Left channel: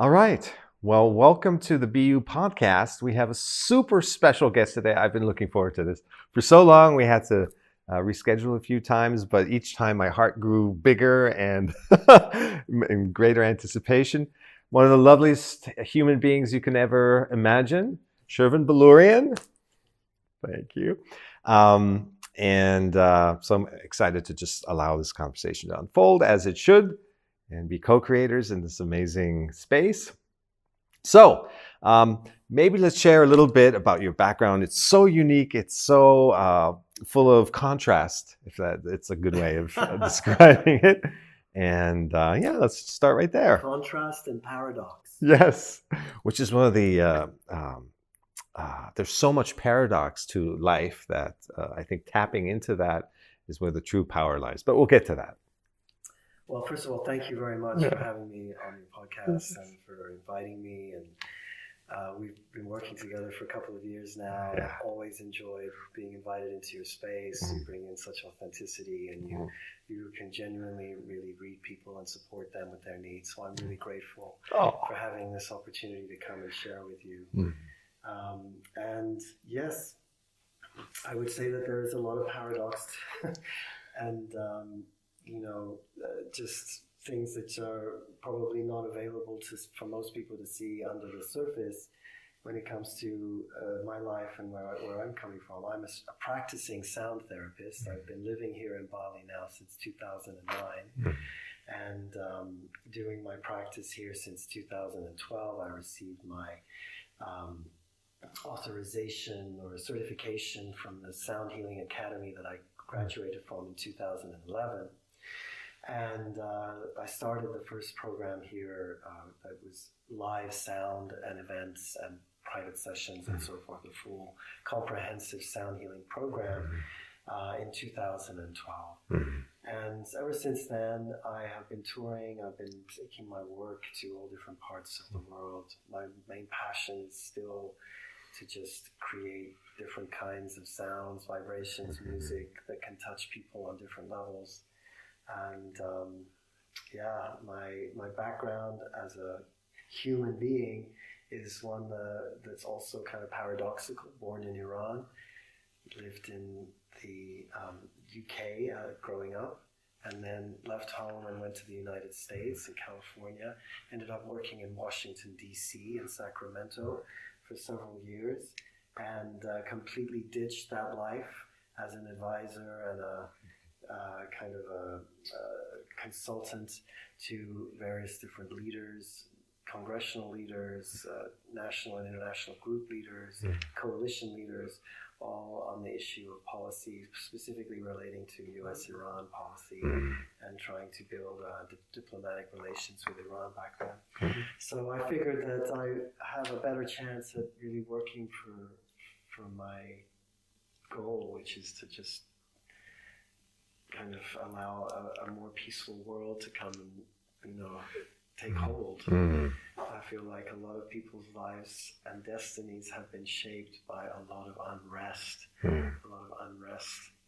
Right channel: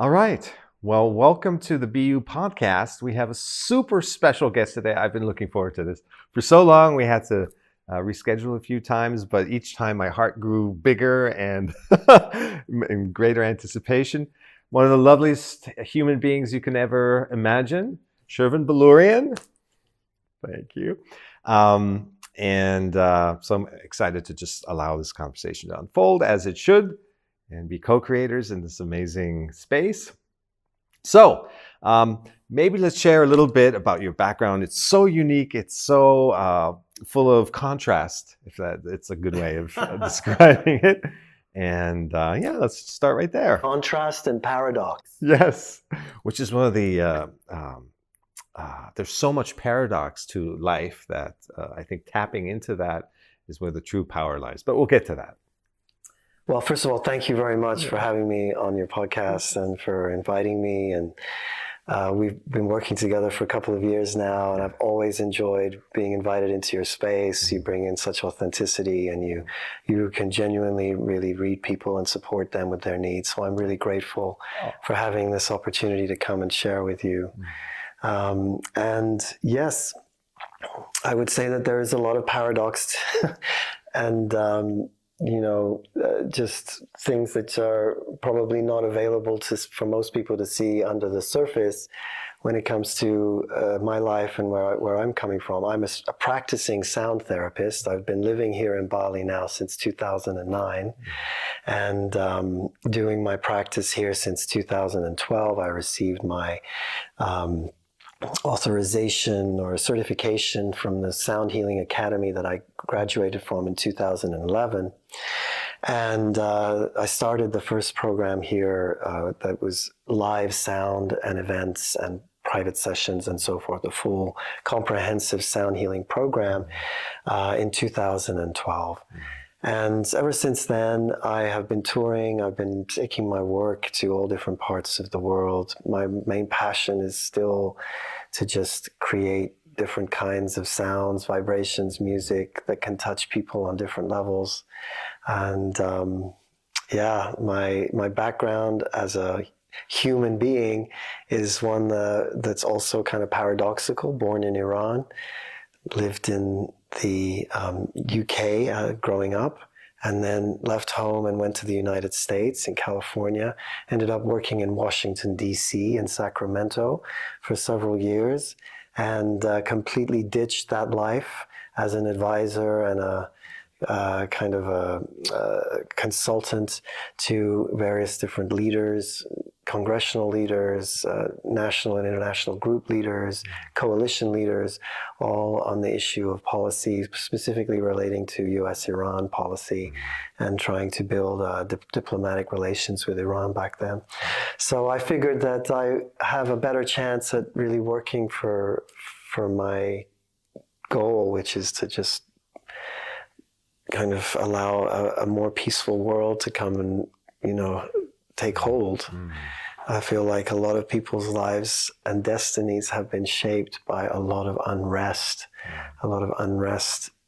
All right. Well, welcome to the BU podcast. We have a super special guest today. I've been looking forward to this for so long. We had to reschedule a few times, but each time my heart grew bigger and in greater anticipation. One of the loveliest human beings you can ever imagine, Shervin Boloorian. Thank you. So I'm excited to just allow this conversation to unfold as it should and be co-creators in this amazing space. So maybe let's share a little bit about your background. It's so unique. It's so full of contrast, if it's a good way of describing it. And let's start right there. Contrast and paradox. Yes, which is one of the, there's so much paradox to life that I think tapping into that is where the true power lies. But we'll get to that. Well, first of all, thank you very much for having me on your podcast and for inviting me. And we've been working together for a couple of years now, and I've always enjoyed being invited into your space. You bring in such authenticity, and you can genuinely really read people and support them with their needs. So I'm really grateful for having this opportunity to come and share with you. And yes, I would say that there is a lot of paradox and just things that are probably not available for most people to see under the surface when it comes to my life and where I'm coming from. I'm a practicing sound therapist. I've been living here in Bali now since 2009 and doing my practice here since 2012. I received my authorization or certification from the Sound Healing Academy that I graduated from in 2011. And I started the first program here that was live sound and events and private sessions and so forth, the full comprehensive sound healing program in 2012. And ever since then, I have been touring. I've been taking my work to all different parts of the world. My main passion is still to just create different kinds of sounds, vibrations, music that can touch people on different levels. And my background as a human being is one that's also kind of paradoxical. Born in Iran, lived in the UK growing up, and then left home and went to the United States in California, ended up working in Washington, D.C. and Sacramento for several years, and completely ditched that life as an advisor and a kind of a consultant to various different leaders, congressional leaders, national and international group leaders, coalition leaders, all on the issue of policy, specifically relating to U.S.-Iran policy and trying to build diplomatic relations with Iran back then. So I figured that I have a better chance at really working for my goal, which is to just kind of allow a more peaceful world to come and, take hold. I feel like a lot of people's lives and destinies have been shaped by a lot of unrest,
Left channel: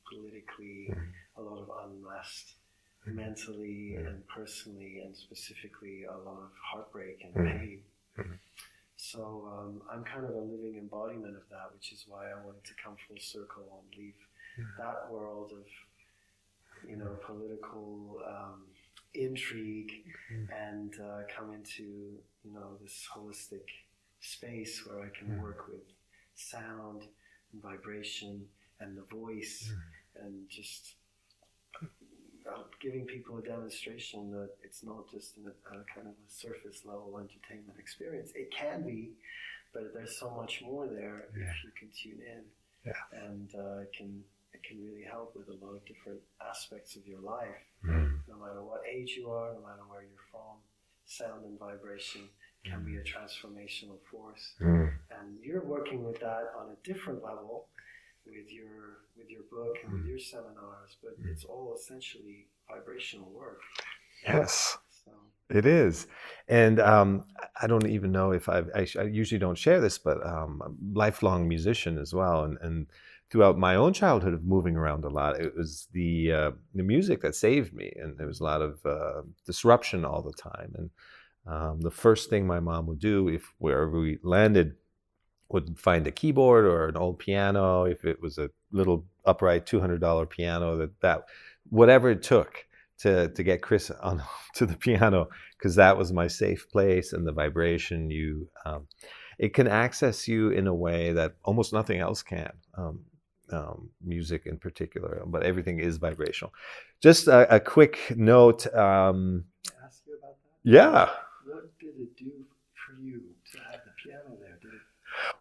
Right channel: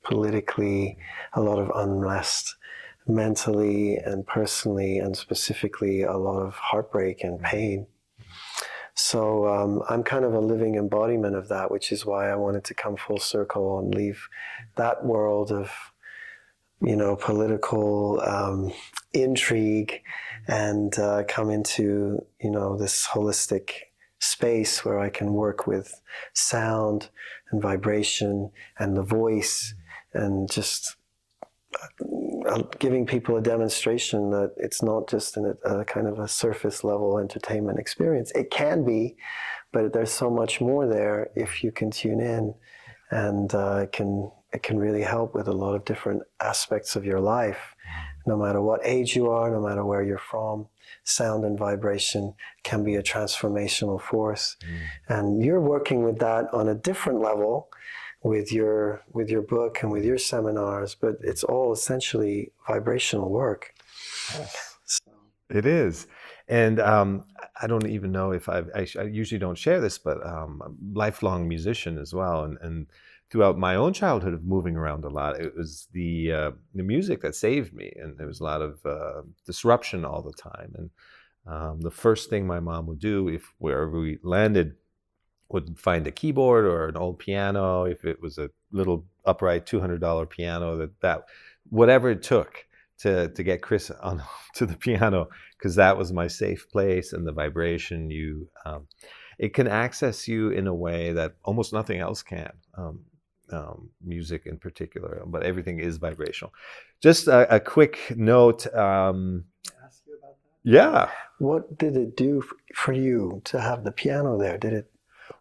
politically, a lot of unrest mentally and personally, and specifically a lot of heartbreak and pain. So I'm kind of a living embodiment of that, which is why I wanted to come full circle and leave that world of political intrigue and come into, this holistic space where I can work with sound and vibration and the voice and just giving people a demonstration that it's not just a kind of a surface level entertainment experience. It can be, but there's so much more there if you can tune in, and it can really help with a lot of different aspects of your life. No matter what age you are, no matter where you're from, sound and vibration can be a transformational force. And you're working with that on a different level with your book and with your seminars, but it's all essentially vibrational work. Yes, it is. And I don't even know if I usually don't share this, but I'm a lifelong musician as well. And throughout my own childhood of moving around a lot, it was the music that saved me. And there was a lot of disruption all the time. And The first thing my mom would do, if wherever we landed, would find a keyboard or an old piano. If it was a little upright $200 piano, that whatever it took to get Chris on to the piano, because that was my safe place, and the vibration it can access you in a way that almost nothing else can. Music in particular, but everything is vibrational. Just a quick note. Ask you about that? Yeah. What did it do for you to have the piano there? Did it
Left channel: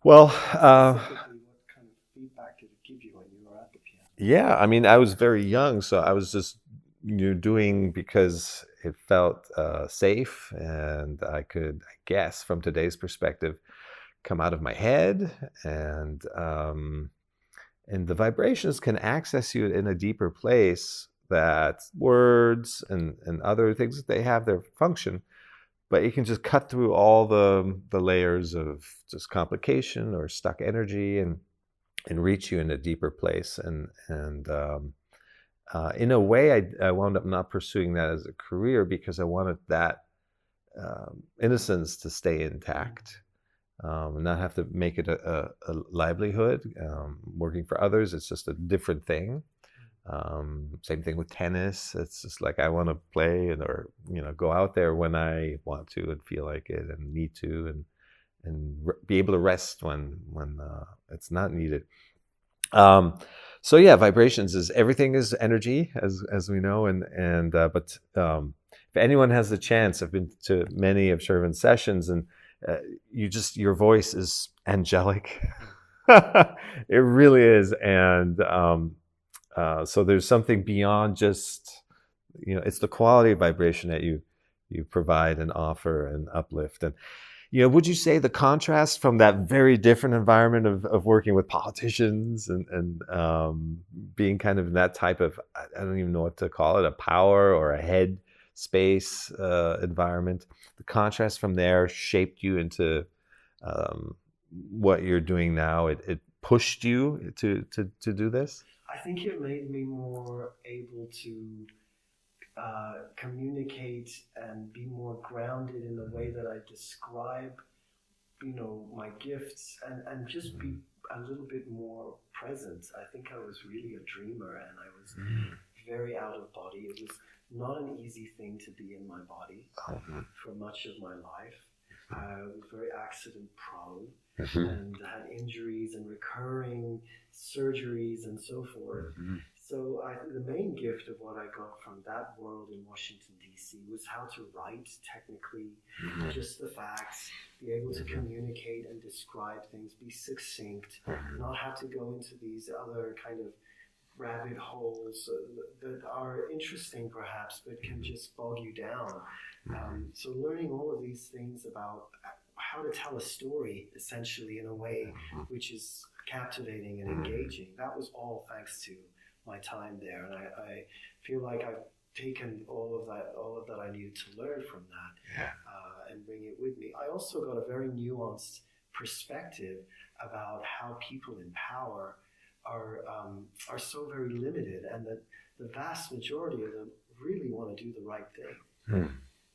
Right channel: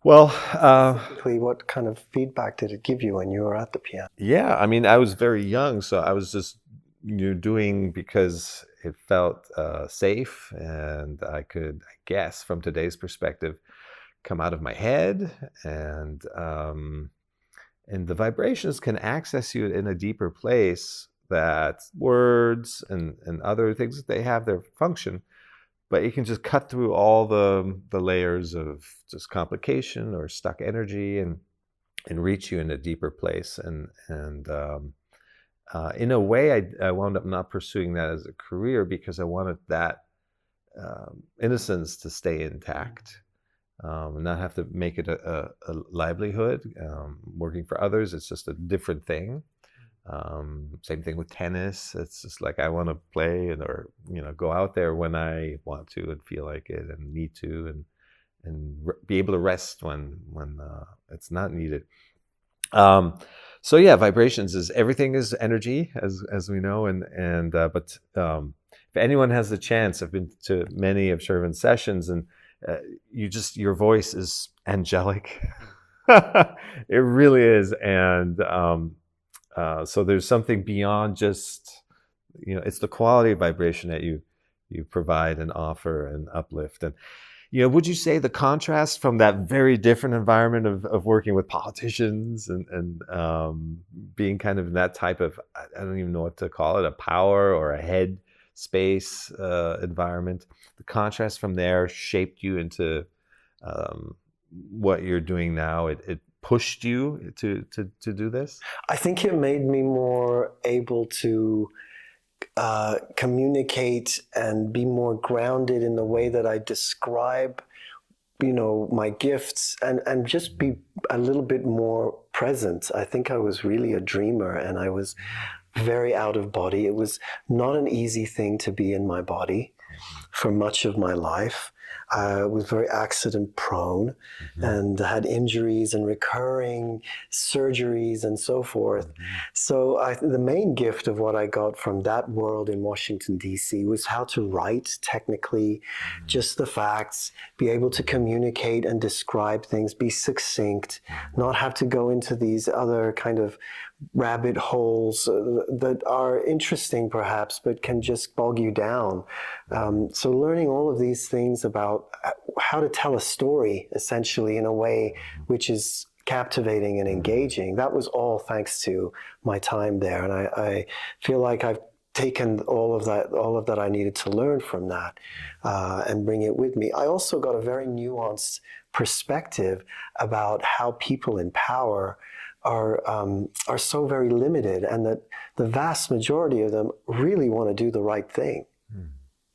Well, specifically, what kind of feedback did it give you when you were at the piano? yeah, I mean, I was very young, so I was just doing because it felt safe, and I could, I guess, from today's perspective, come out of my head, and the vibrations can access you in a deeper place that words and other things, they have their function, but you can just cut through all the layers of just complication or stuck energy and reach you in a deeper place. And in a way, I wound up not pursuing that as a career because I wanted that innocence to stay intact. Not have to make it a livelihood. Working for others, it's just a different thing. Same thing with tennis. It's just like I want to play or go out there when I want to and feel like it and need to and be able to rest when it's not needed. So yeah, vibrations is everything is energy as we know, but if anyone has the chance, I've been to many of Shervin's sessions, and your voice is angelic. It really is, and so there's something beyond just it's the quality of vibration that you provide and offer and uplift. And would you say the contrast from that very different environment of working with politicians and being kind of in that type of, I don't even know what to call it, a power or a head space environment, the contrast from there shaped you into what you're doing now? It pushed you to do this? I think it made me more able to communicate and be more grounded in the way that I describe, my gifts, and just be a little bit more present. I think I was really a dreamer, and I was very out of body. It was not an easy thing to be in my body for much of my life. I was very accident prone and had injuries and recurring surgeries and so forth. So the main gift of what I got from that world in Washington, D.C. was how to write technically, just the facts, be able to communicate and describe things, be succinct, not have to go into these other kind of rabbit holes that are interesting perhaps, but can just bog you down. So learning all of these things about how to tell a story essentially in a way which is captivating and engaging, that was all thanks to my time there. And I feel like I've taken all of that I needed to learn from that and bring it with me. I also got a very nuanced perspective about how people in power are so very limited, and that the vast majority of them really want to do the right thing.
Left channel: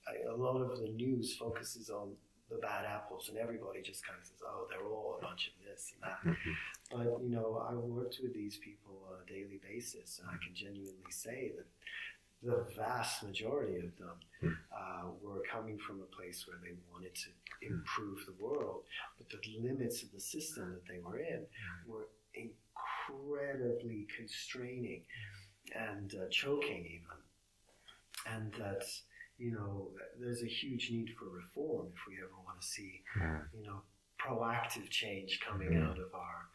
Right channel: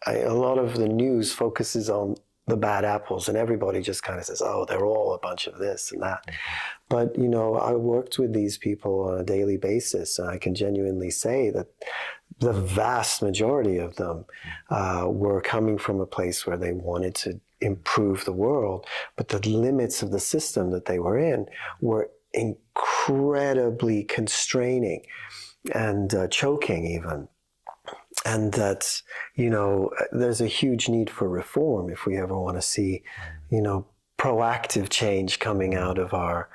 A lot of the news focuses on the bad apples, and everybody just kind of says, oh, they're all a bunch of this and that. But, I worked with these people on a daily basis, and I can genuinely say that the vast majority of them were coming from a place where they wanted to improve the world, but the limits of the system that they were in were incredibly constraining and choking even. And that, there's a huge need for reform if we ever want to see, proactive change coming out of our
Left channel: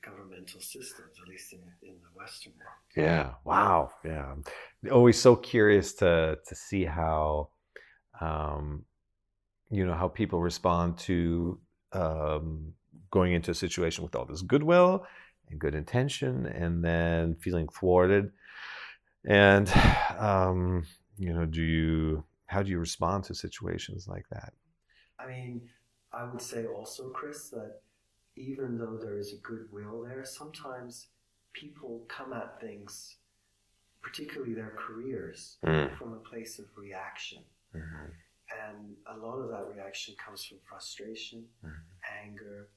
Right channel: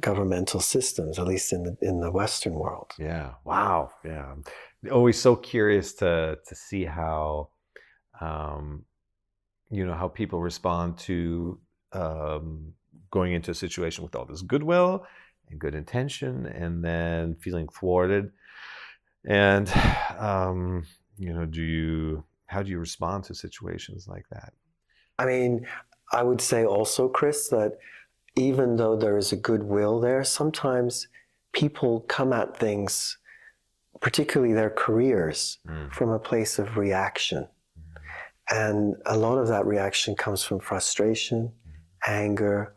governmental systems, at least in the Western world. Yeah. Wow. Yeah. I'm always so curious to see how, how people respond to going into a situation with all this goodwill and good intention, and then feeling thwarted. And how do you respond to situations like that? I mean, I would say also, Chris, that even though there is a goodwill there, sometimes people come at things, particularly their careers, from a place of reaction. And a lot of that reaction comes from frustration, anger.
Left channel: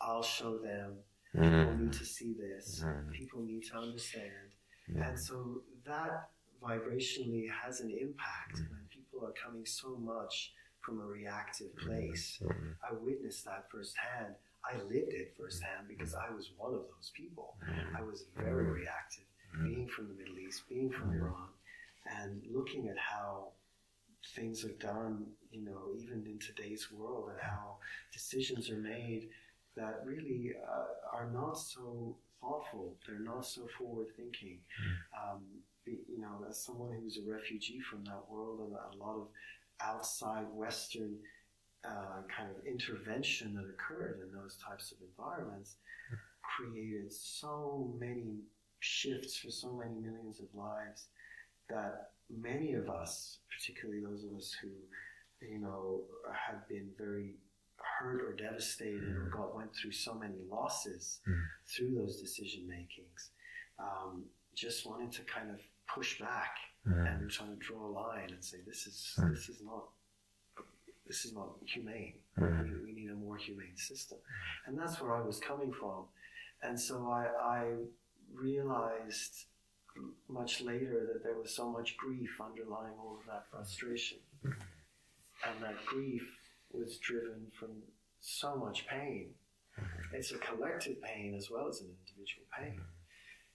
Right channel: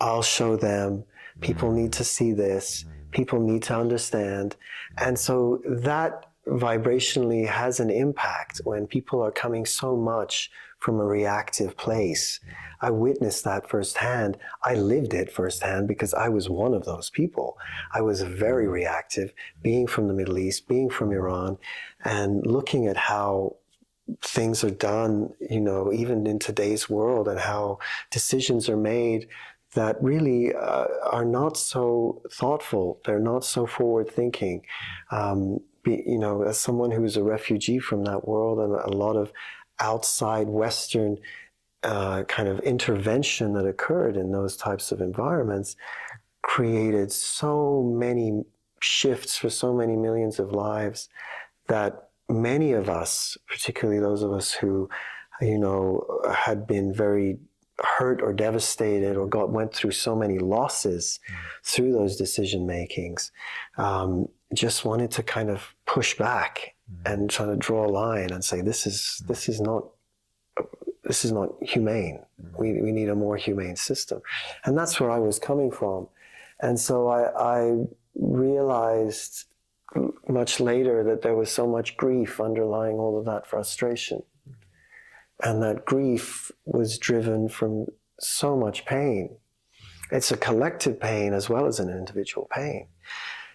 I'll show them. People need to see this. People need to understand. And so that vibrationally has an impact when people are coming so much from a reactive place. I witnessed that firsthand. I lived it firsthand because I was one of those people. I was very reactive, being from the Middle East, being from Iran, and looking at how things are done, even in today's world, and how decisions are made that really are not so thoughtful. They're not so forward thinking. As someone who's a refugee from that world, and a lot of outside Western kind of intervention that occurred in those types of environments created so many shifts for so many millions of lives that many of us, particularly those of us who, had been very hurt or devastated or went through so many losses through those decision makings, just wanted to kind of push back and try to draw a line and say, this is not humane. We need a more humane system. And that's where I was coming from. And so I realized much later that there was so much grief underlying all of that frustration. And that grief was driven from so much pain. It's a collective pain as well as an individual pain.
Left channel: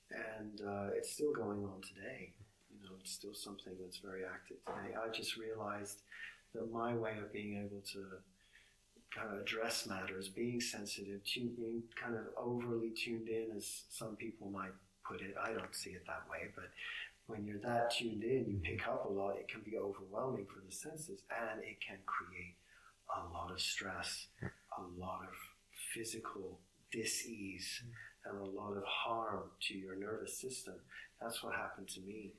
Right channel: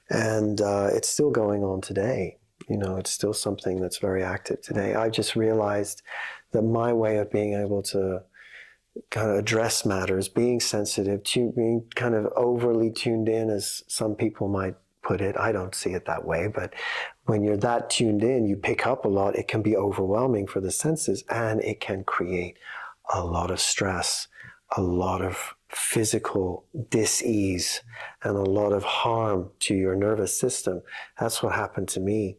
And it's still going on today. It's still something that's very active today. I just realized that my way of being able to kind of address matters, being sensitive, being kind of overly tuned in, as some people might put it. I don't see it that way, but when you're that tuned in, you pick up a lot. It can be overwhelming for the senses, and it can create a lot of stress, a lot of physical dis-ease, and a lot of harm to your nervous system. That's what happened to me.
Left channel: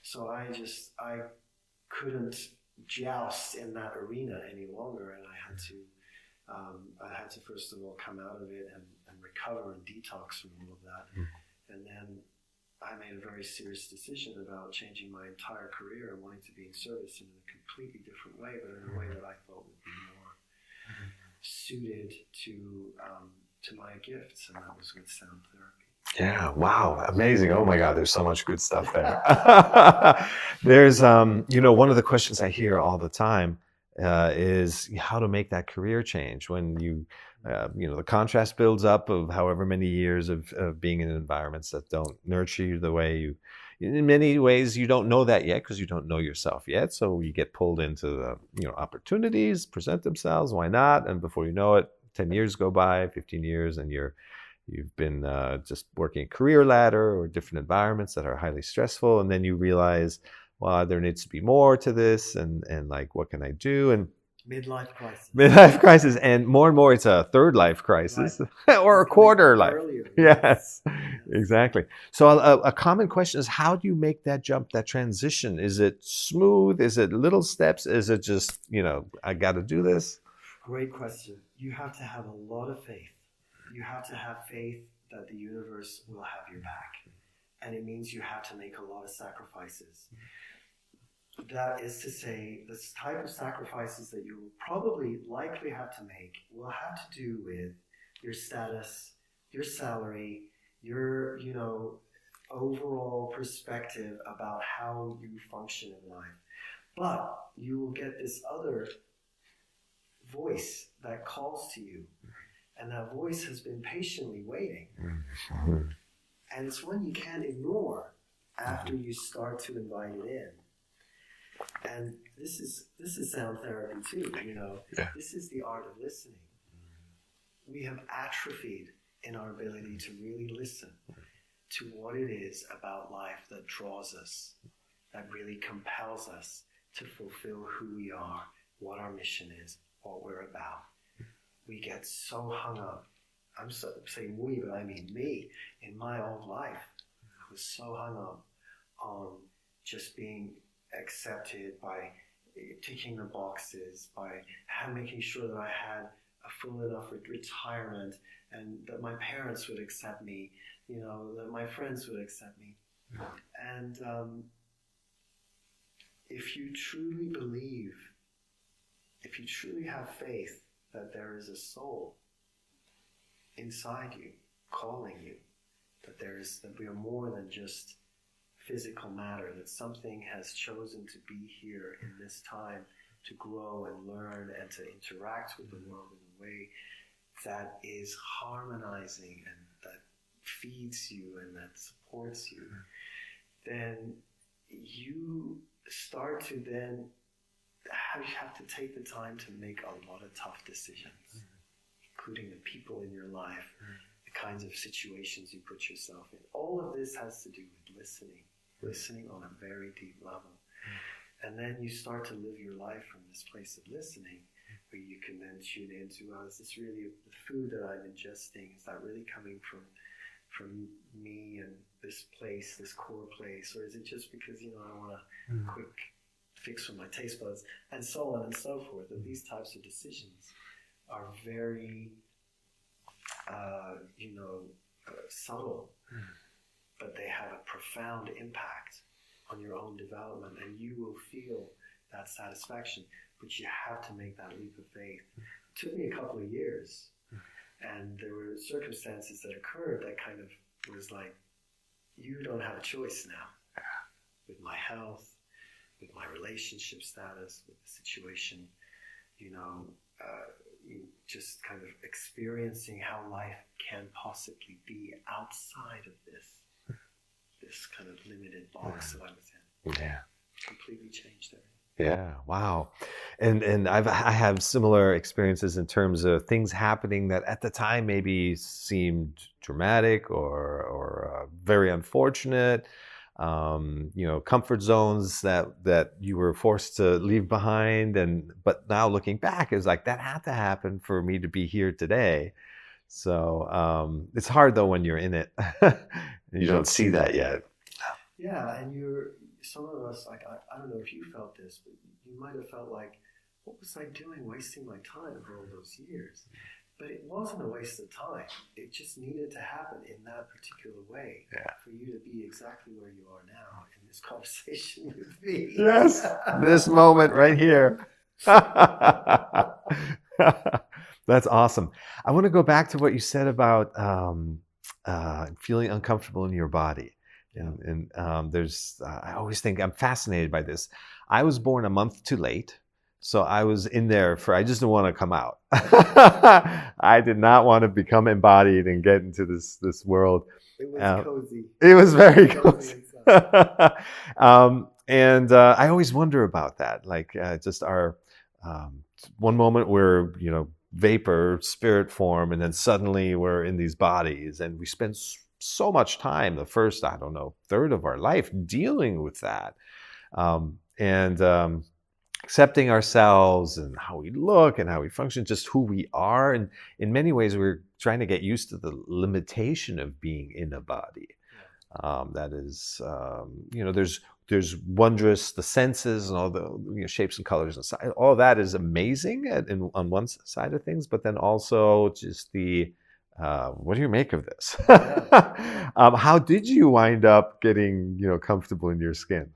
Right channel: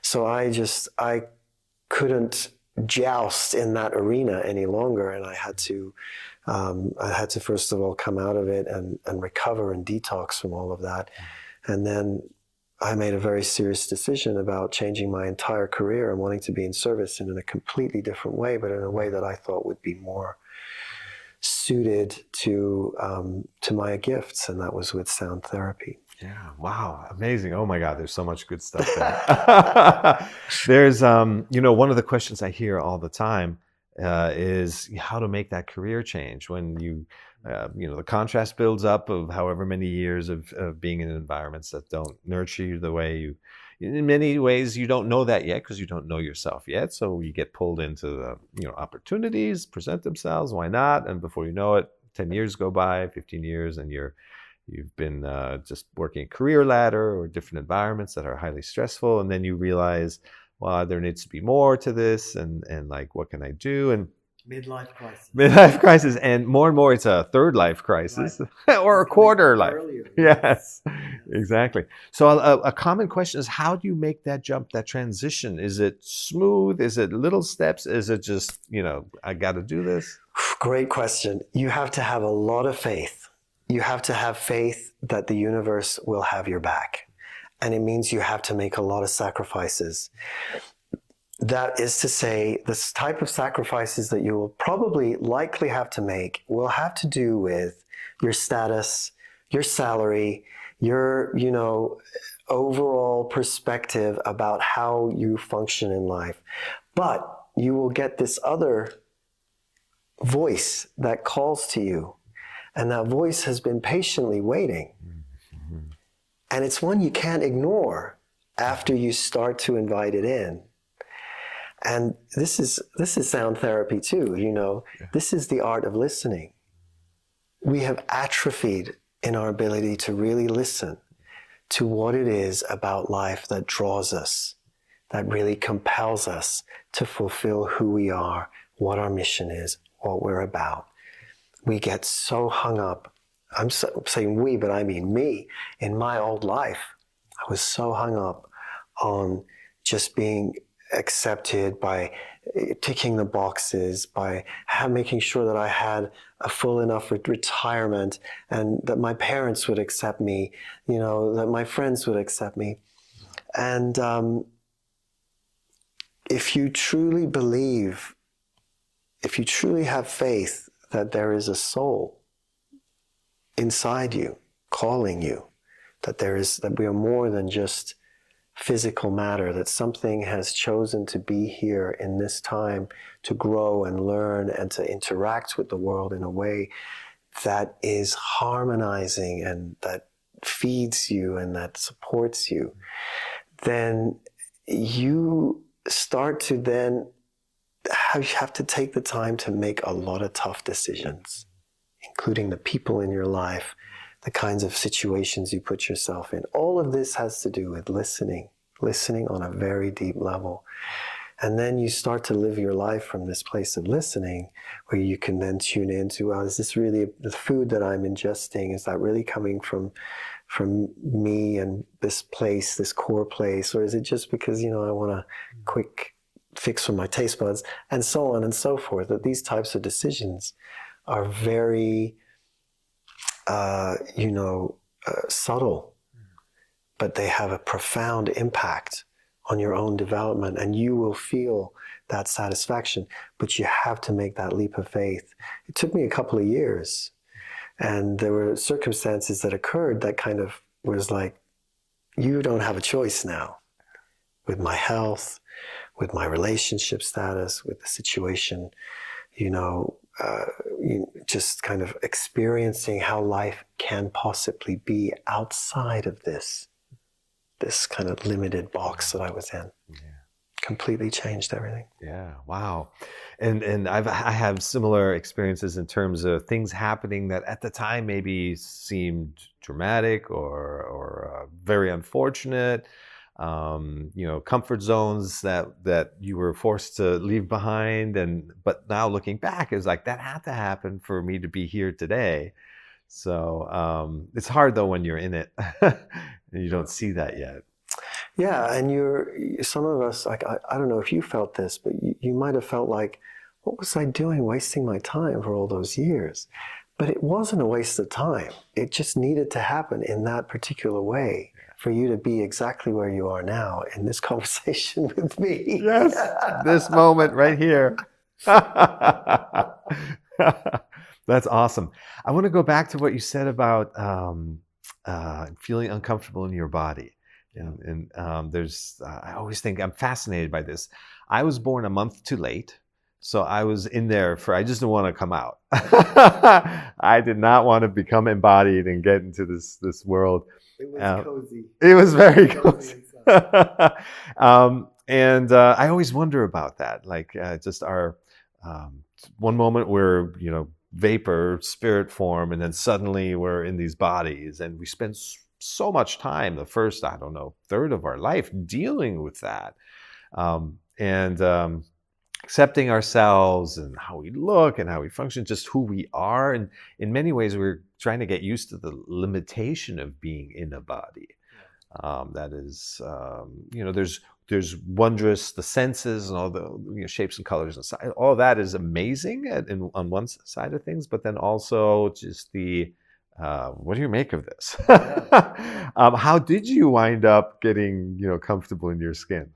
So I couldn't joust in that arena any longer, and I had to first of all come out of it and recover and detox from all of that. And then I made a very serious decision about changing my entire career and wanting to be in service in a completely different way, but in a way that I thought would be more suited to my gifts, and that was with sound therapy. Yeah, wow, amazing. Oh my God, there's so much good stuff there. There's, one of the questions I hear all the time is how to make that career change when the contrast builds up of however many years of being in environments that don't nurture you the way you, in many ways, you don't know that yet because you don't know yourself yet. So you get pulled into the, opportunities present themselves. Why not? And before you know it, 10 years go by, 15 years, and you've been just working a career ladder or different environments that are highly stressful. And then you realize, well, there needs to be more to this. And like, what can I do? And Midlife crisis. Midlife crisis. And more, it's a third life crisis, right. Or a quarter life. Earlier, yes, exactly. So a common question is, how do you make that jump, that transition? Is it smooth? Is it little steps? Is it just, I got to do this? Great question. You have to have a lot of faith. You have to have faith that the universe will have your back. And it means you have to make a lot of sacrifices. That is to say, this type of sacrifices that you will likely have to make will have to do with your status, your salary, your, overall perspective about how you function in life. But you will get this other voice that calls to you. And that voice has been patiently waiting. Mm-hmm. And it's one you can't ignore after you start to invite it in. And this is sound therapy too, Yeah. This is the art of listening. We have atrophied in our ability to really listen to what it is about life that draws us, that really compels us to fulfill who we are, what our mission is, what we're about. We get so hung up. I'm saying we, but I mean me. In my old life, I was so hung up on just being accepted, by ticking the boxes, by making sure that I had a full enough retirement, and that my parents would accept me, that my friends would accept me. And if you truly believe if you truly have faith that there is a soul inside you calling you, that we are more than just physical matter, that something has chosen to be here in this time to grow and learn and to interact with the world in a way that is harmonizing and that feeds you and that supports you, then you start to then have to take the time to make a lot of tough decisions, including the people in your life, the kinds of situations you put yourself in. All of this has to do with listening on a very deep level. And then you start to live your life from this place of listening, where you can then tune into, well, is this really the food that I'm ingesting? Is that really coming from me and this place, this core place? Or is it just because, I want a quick fix for my taste buds? And so on and so forth. That these types of decisions are very, subtle, but they have a profound impact on your own development, and you will feel that satisfaction. But you have to make that leap of faith. It took me a couple of years, and there were circumstances that occurred that kind of was like, you don't have a choice now. With my health, with my relationship status, with the situation, just kind of experiencing how life can possibly be outside of this kind of limited box that I was in. Yeah. Completely changed everything. Yeah. Wow. And I have similar experiences in terms of things happening that at the time maybe seemed dramatic or very unfortunate. Comfort zones that you were forced to leave behind, but now looking back, it's like that had to happen for me to be here today. So it's hard though when you're in it. You don't see that yet. Yeah, and some of us, like, I don't know if you felt this, but you might have felt like, what was I doing wasting my time for all those years? But it wasn't a waste of time. It just needed to happen in that particular way for you to be exactly where you are now in this conversation with me. Yes, this moment right here. That's awesome. I want to go back to what you said about feeling uncomfortable in your body. And I always think I'm fascinated by this. I was born a month too late. So I was in there I just didn't want to come out. I did not want to become embodied and get into this world. It was cozy. It was very cozy. And I always wonder about that. Like just our one moment we're, vapor, spirit form, and then suddenly we're in these bodies, and we spend so much time, the first, I don't know, third of our life dealing with that. And accepting ourselves and how we look and how we function, just who we are. And in many ways, we're trying to get used to the limitation of being in a body. That is, there's wondrous, the senses and all the shapes and colors and all that is amazing on one side of things, but then also just what do you make of this? How did you wind up getting, comfortable in your skin?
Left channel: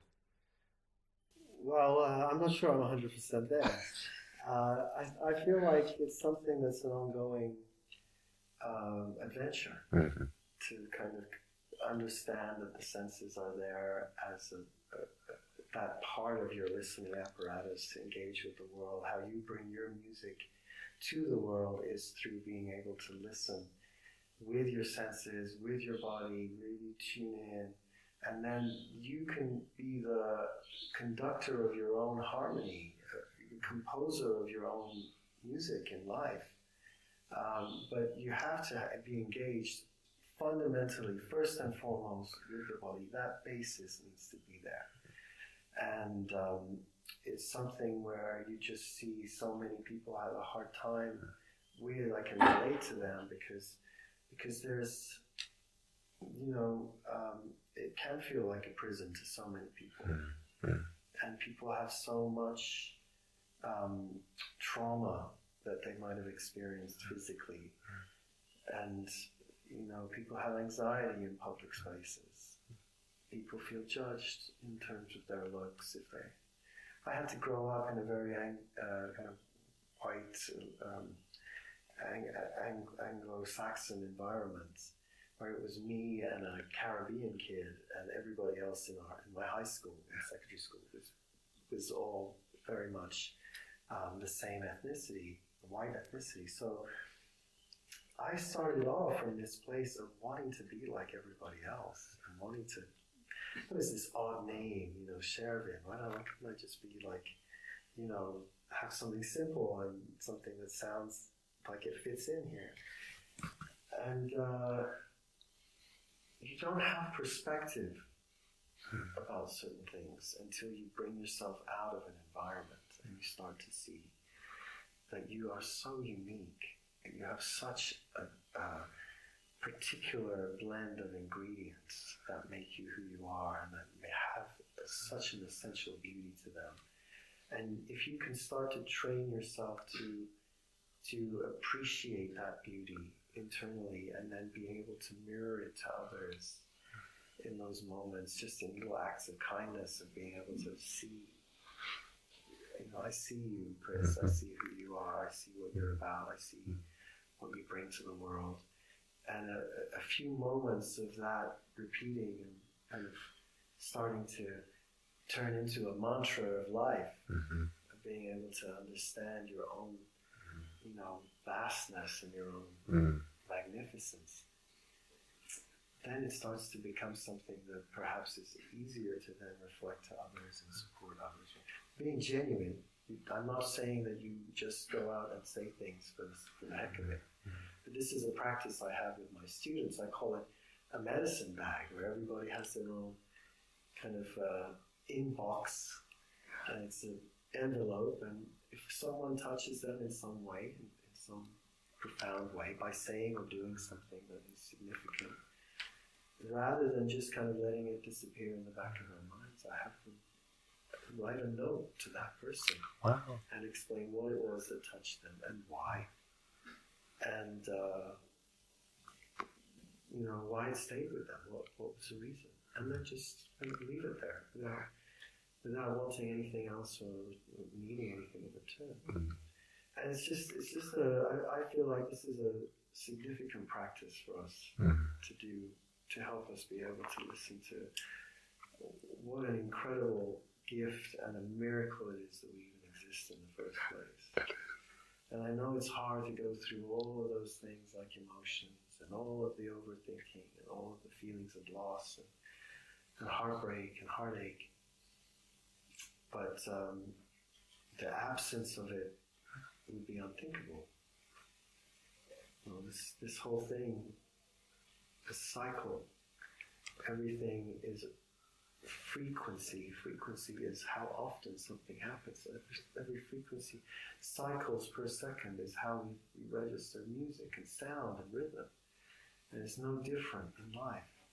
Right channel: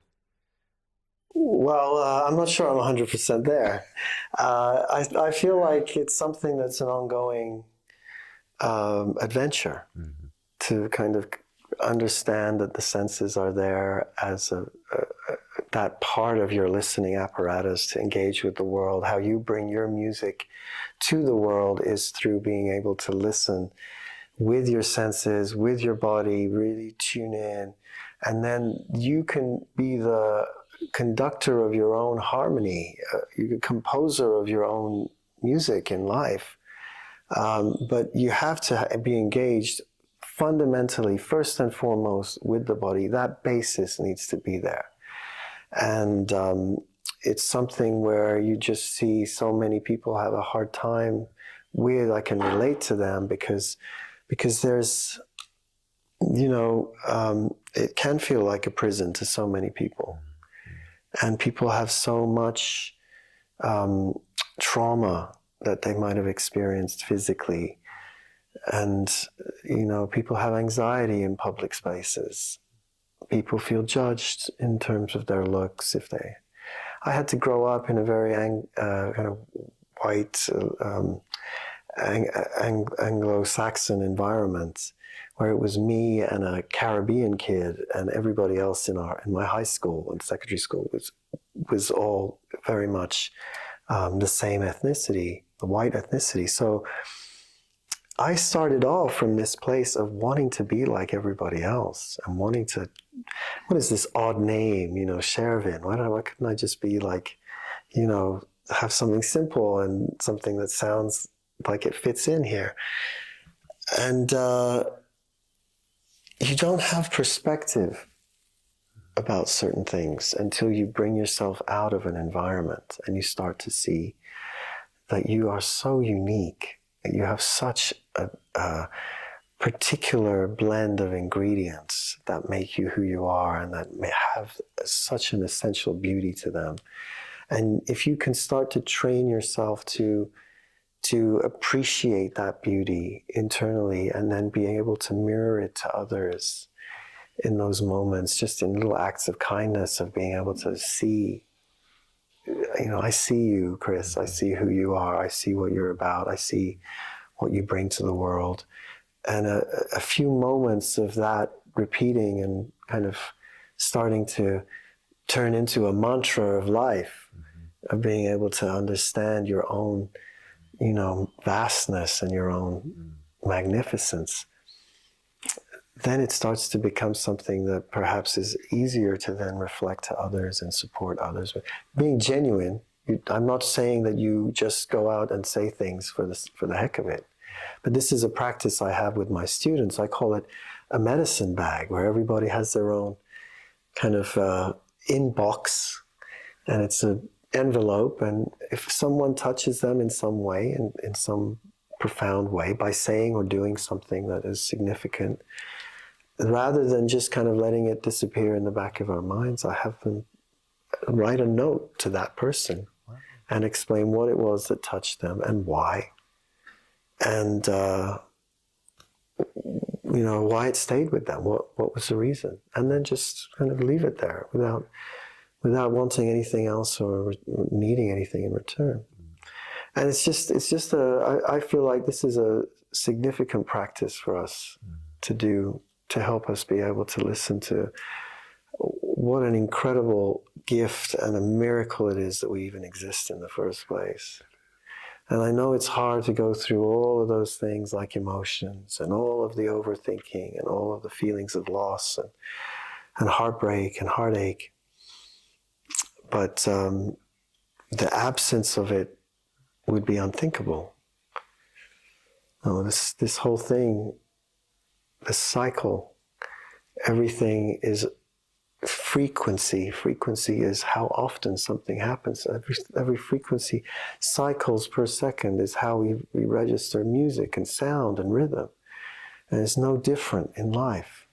Well, I'm not sure I'm 100% there. I feel like it's something that's an ongoing adventure to kind of understand that the senses are there as that part of your listening apparatus to engage with the world. How you bring your music to the world is through being able to listen with your senses, with your body, really tune in. And then you can be the conductor of your own harmony, you're a composer of your own music in life. But you have to be engaged fundamentally, first and foremost, with the body. That basis needs to be there. And it's something where you just see so many people have a hard time with. I can relate to them because there's, it can feel like a prison to so many people. And people have so much trauma that they might have experienced physically. And, people have anxiety in public spaces. People feel judged in terms of their looks. I had to grow up in a very kind of white Anglo-Saxon environment, where it was me and a Caribbean kid, and everybody else in my high school and secondary school was all very much the same ethnicity, the white ethnicity. So I started off from this place of wanting to be like everybody else and wanting to, what is this odd name, Shervin? Why couldn't I just be like, have something simple and something that sounds like it fits in here? And you don't have perspective about certain things until you bring yourself out of an environment and you start to see that you are so unique, and you have such a particular blend of ingredients that make you who you are and that may have such an essential beauty to them. And if you can start to train yourself to appreciate that beauty internally and then be able to mirror it to others in those moments, just in little acts of kindness, of being able to see, I see you, Chris, I see who you are, I see what you're about, I see what you bring to the world. And a few moments of that repeating and kind of starting to turn into a mantra of life, of being able to understand your own, vastness and your own magnificence, then it starts to become something that perhaps is easier to then reflect to others and support others. Being genuine, I'm not saying that you just go out and say things for the heck of it. But this is a practice I have with my students. I call it a medicine bag, where everybody has their own kind of inbox, and it's an envelope. And if someone touches them in some way, in some profound way, by saying or doing something that is significant, rather than just kind of letting it disappear in the back of our minds, I have them write a note to that person. Wow. And explain what it was that touched them and why. And why it stayed with them, what was the reason, and then just kind of leave it there without wanting anything else or needing anything in return. And it's just I feel like this is a significant practice for us to do, to help us be able to listen to what an incredible gift and a miracle it is that we even exist in the first place. And I know it's hard to go through all of those things like emotions and all of the overthinking and all of the feelings of loss and heartbreak and heartache. But the absence of it would be unthinkable. No, this whole thing, this cycle, everything is frequency. Frequency is how often something happens. Every frequency cycles per second is how we register music and sound and rhythm. And it's no different in life.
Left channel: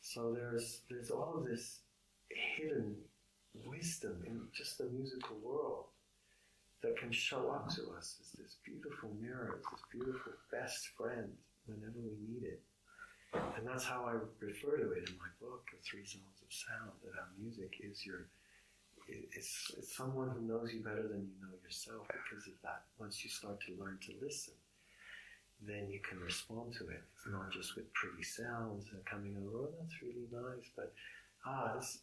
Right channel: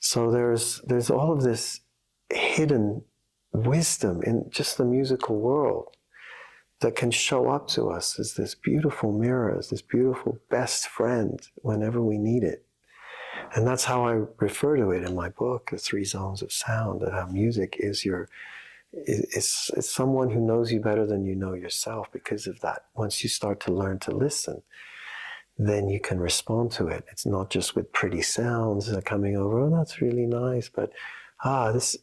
So there's all of this hidden wisdom in just the musical world that can show up to us as this beautiful mirror, as this beautiful best friend whenever we need it. And that's how I refer to it in my book, The 3 Zones of Sound, that how music is it's someone who knows you better than you know yourself. Because of that, once you start to learn to listen, then you can respond to it. It's not just with pretty sounds that are coming over, oh, that's really nice, but this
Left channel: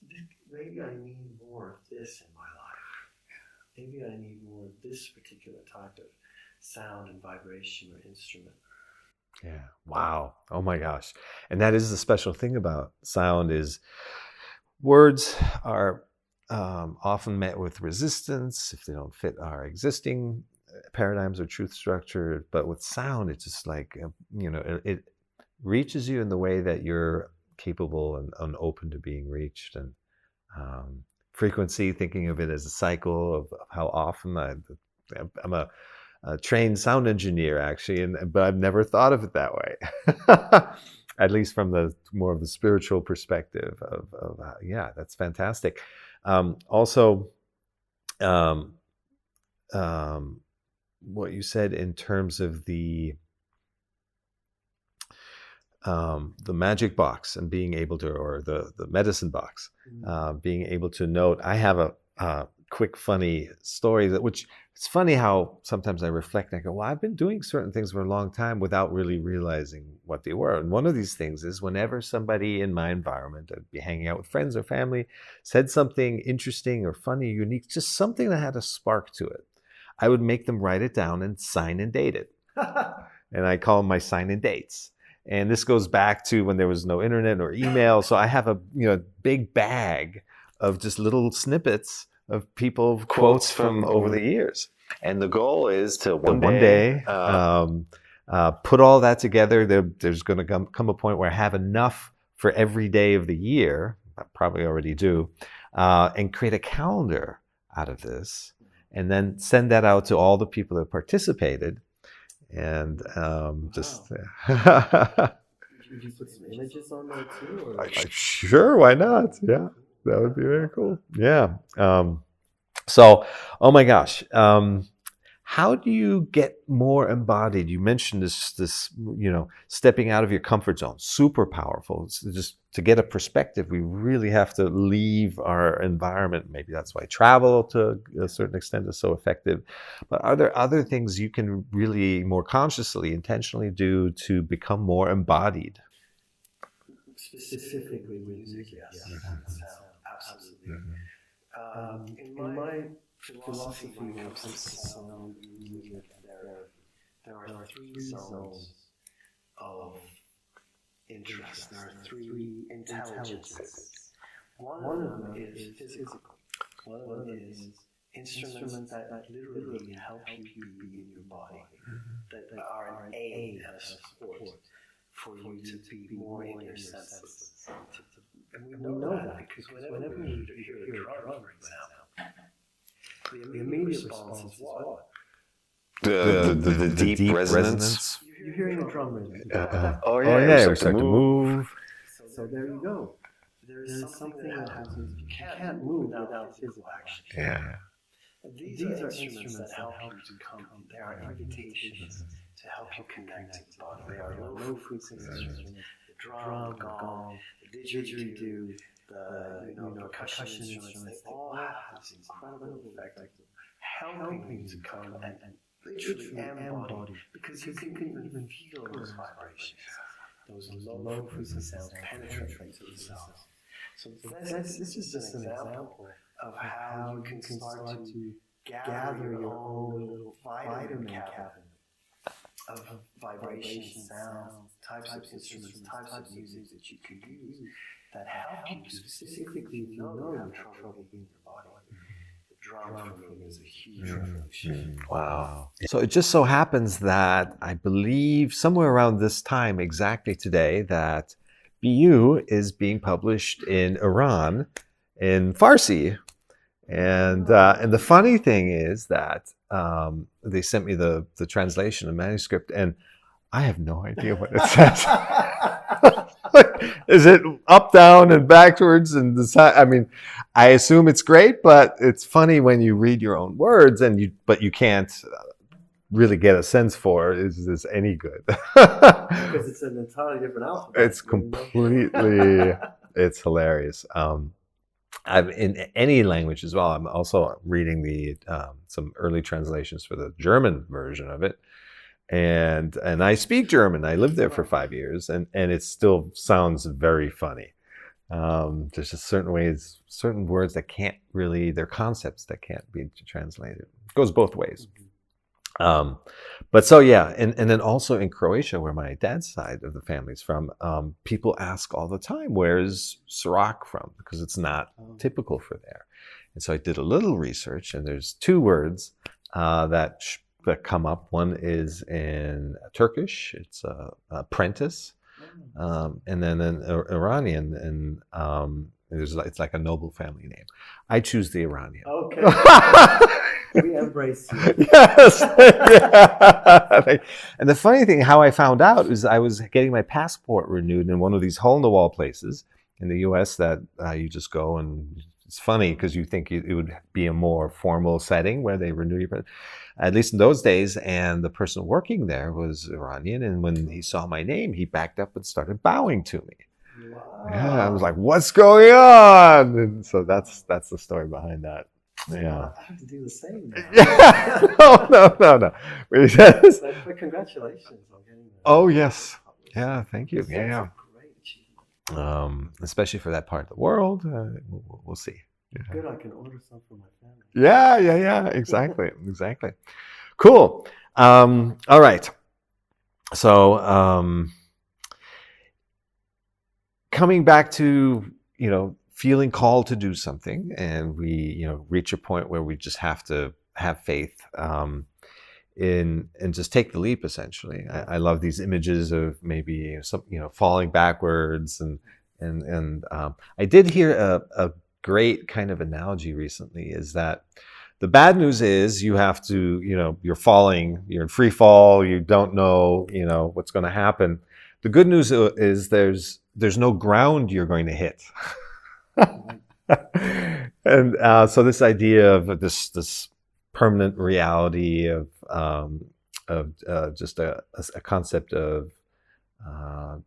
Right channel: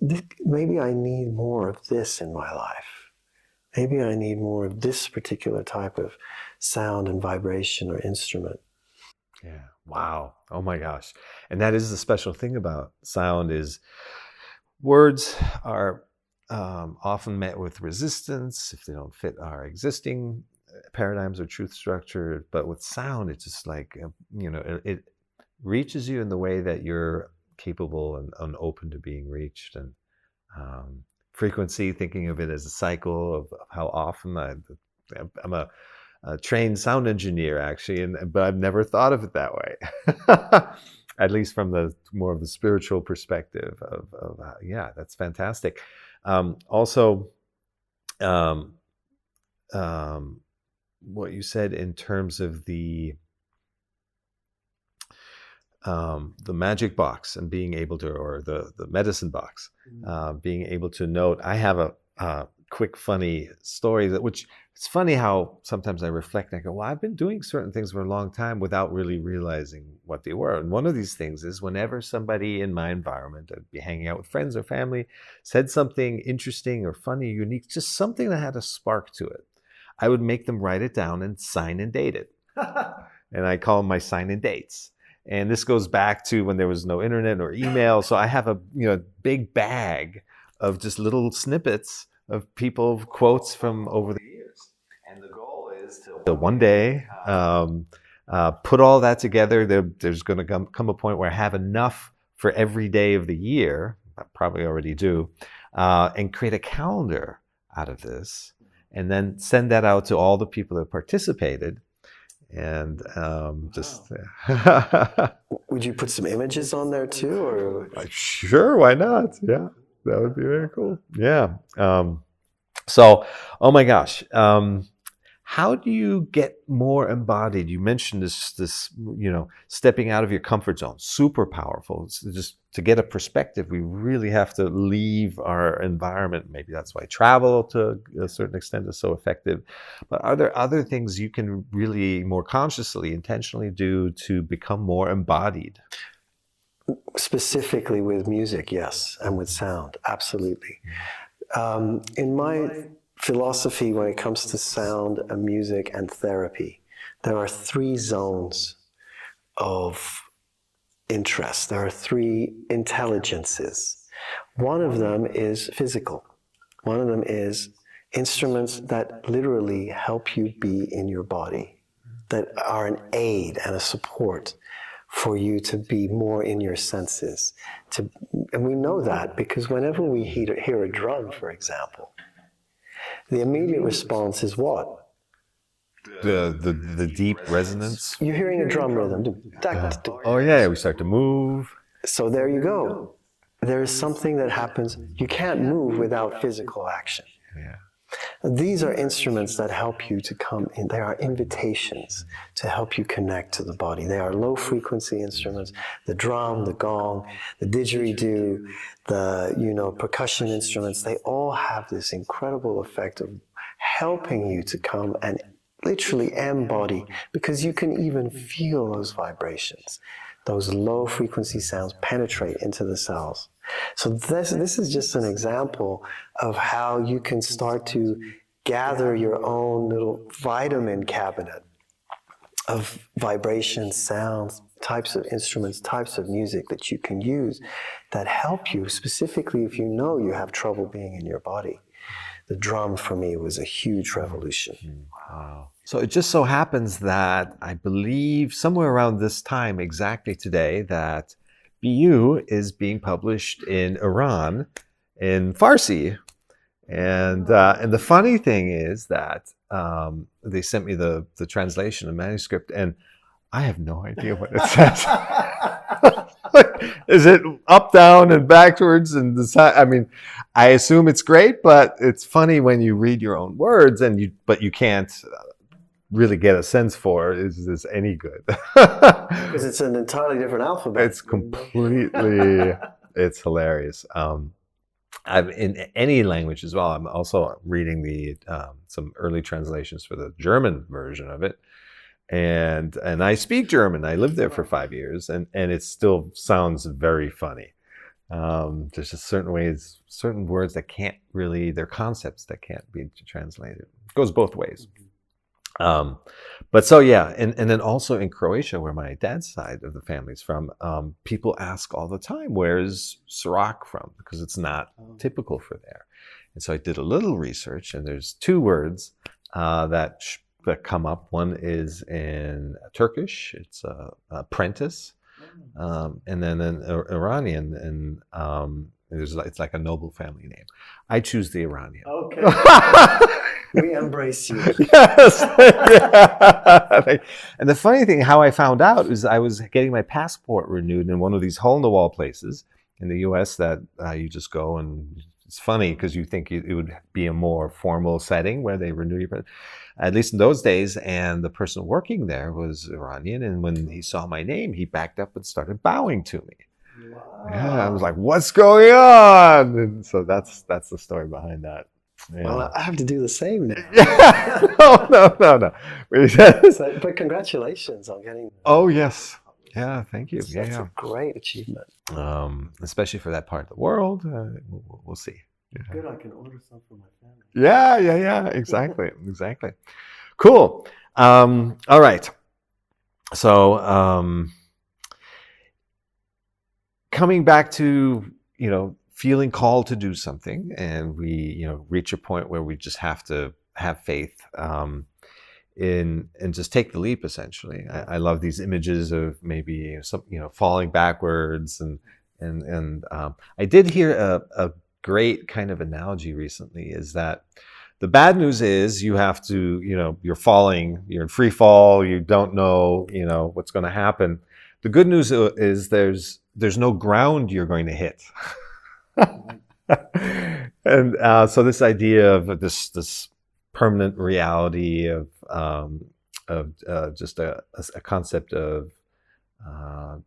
maybe I need more of this in my life. Maybe I need more of this particular type of sound and vibration or instrument. Yeah. Wow. Oh my gosh. And that is the special thing about sound, is words are often met with resistance if they don't fit our existing paradigms or truth structure. But with sound, it's just like, it reaches you in the way that you're capable and open to being reached. And frequency, thinking of it as a cycle of how often I'm a trained sound engineer, actually, but I've never thought of it that way. At least from the more of the spiritual perspective of yeah, that's fantastic. Also, what you said in terms of the magic box and being able to, or the medicine box, being able to note. I have quick, funny story which it's funny how sometimes I reflect and I go, well, I've been doing certain things for a long time without really realizing what they were. And one of these things is whenever somebody in my environment, I'd be hanging out with friends or family, said something interesting or funny, unique, just something that had a spark to it, I would make them write it down and sign and date it. And I call them my sign and dates. And this goes back to when there was no internet or email. So I have a big bag of just little snippets of people quotes from over the years. And the goal is to one day put all that together. There's going to come a point where I have enough for every day of the year. I probably already do, and create a calendar out of this, and then send that out to all the people that participated. And just would you put some images on there too, or sure, why not? Yeah, that would be very cool. Yeah. So, oh my gosh, how do you get more embodied? You mentioned this stepping out of your comfort zone, super powerful. It's just to get a perspective, we really have to leave our environment. Maybe that's why travel to a certain extent is so effective. But are there other things you can really more consciously, intentionally do to become more embodied? Specifically with music, yes, and with sound, absolutely. In my philosophy, when it comes to sound and music and therapy, there are 3 zones of interest. There are 3 intelligences. One of them is physical. One of them is instruments that literally help you be in your body, that are an aid and a support for you to be more in your senses. And we know that because whenever we hear a drum, for example, the immediate response is what? The deep resonance. You're hearing a drum rhythm. Oh yeah, we start to move. So there you go. There is something that happens. You can't move without physical action. Yeah. These are instruments that help you to come in. They are invitations to help you connect to the body. They are low-frequency instruments. The drum, the gong, the didgeridoo, the percussion instruments. They all have this incredible effect of helping you to come and literally embody, because you can even feel those vibrations. Those low-frequency sounds penetrate into the cells. So this is just an example of how you can start to gather your own little vitamin cabinet of vibrations, sounds, types of instruments, types of music that you can use that help you, specifically if you know you have trouble being in your body. The drum for me was a huge revolution. Wow. So it just so happens that I believe somewhere around this time, exactly today, that BU is being published in Iran in Farsi. And the funny thing is that they sent me the translation, the manuscript, and I have no idea what it says. Is it up, down, and backwards? And I assume it's great, but it's funny when you read your own words, but you can't really get a sense for, is this any good? Because it's an entirely different alphabet. It's completely, it's hilarious. I'm in any language as well. I'm also reading some early translations for the German version of it. And I speak German. I lived there for 5 years, and it still sounds very funny. There's just certain words that can't really, they're concepts that can't be translated. It goes both ways. But so yeah, and then also in Croatia, where my dad's side of the family's from, people ask all the time, where's Cirak from? Because it's not typical for there. And so I did a little research, and there's 2 words that come up. One is in Turkish, it's apprentice, and then in Iranian, and it's like a noble family name. I choose the Iranian. Okay. We embrace you. Yes. Yeah. And the funny thing, how I found out, is I was getting my passport renewed in one of these hole-in-the-wall places in the U.S. that you just go, and it's funny because you think it would be a more formal setting where they renew your, at least in those days. And the person working there was Iranian, and when he saw my name, he backed up and started bowing to me. Wow. Yeah, I was like, "What's going on?" And so that's the story behind that. Yeah. Well, I have to do the same now. Oh, no. But congratulations on getting. Oh, yes. Yeah, thank you. That's a great achievement. Especially for that part of the world. We'll see. Yeah. Good, I can order some for my family. Yeah. Exactly. Cool. All right. So, coming back to, feeling called to do something, and we, reach a point where we just have to have faith, in and just take the leap. Essentially, I love these images of maybe some, falling backwards, and I did hear a great kind of analogy recently. Is that the bad news is you have to, you're falling, you're in free fall, you don't know, what's going to happen. The good news is there's no ground you're going to hit. And so this idea of this permanent reality of just a concept of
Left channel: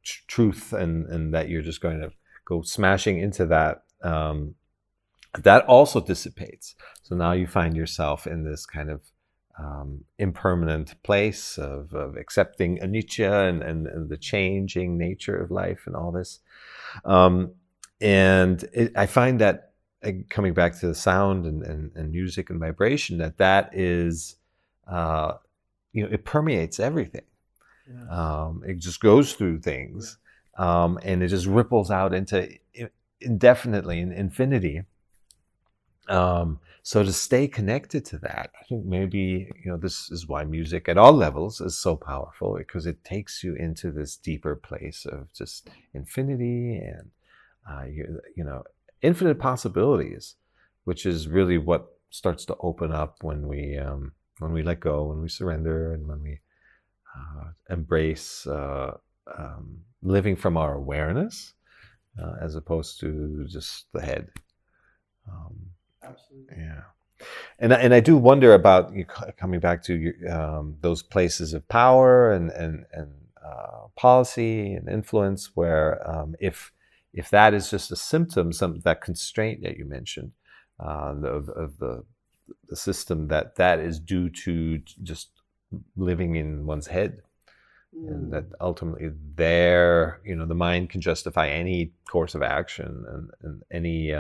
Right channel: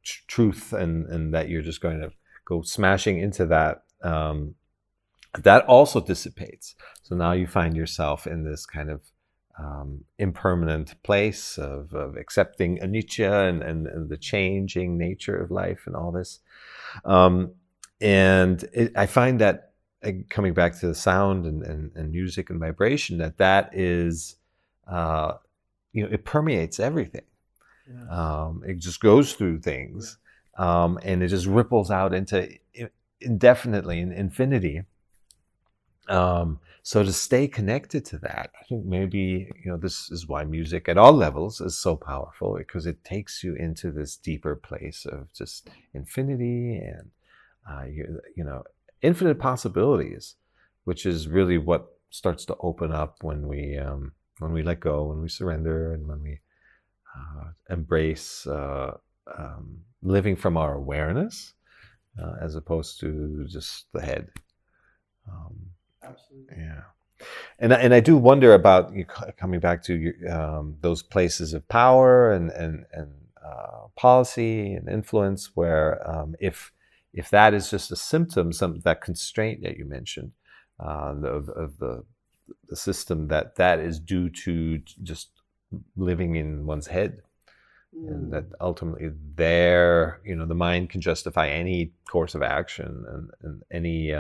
truth, and that you're just going to go smashing into that, that also dissipates. So now you find yourself in this kind of impermanent place of accepting anicca, and the changing nature of life and all this. I find that, coming back to the sound and music and vibration, that is, it permeates everything. Yeah. It just goes through things, and it just ripples out into indefinitely, in infinity. So to stay connected to that, I think maybe, this is why music at all levels is so powerful, because it takes you into this deeper place of just infinity and, infinite possibilities, which is really what starts to open up when we let go, when we surrender, and when we embrace living from our awareness, as opposed to just the head. Absolutely. Yeah. And I do wonder about, coming back to those places of power and policy and influence, where if that is just a symptom, that constraint that you mentioned, of the system, that is due to just living in one's head, and that ultimately the mind can justify any course of action, and any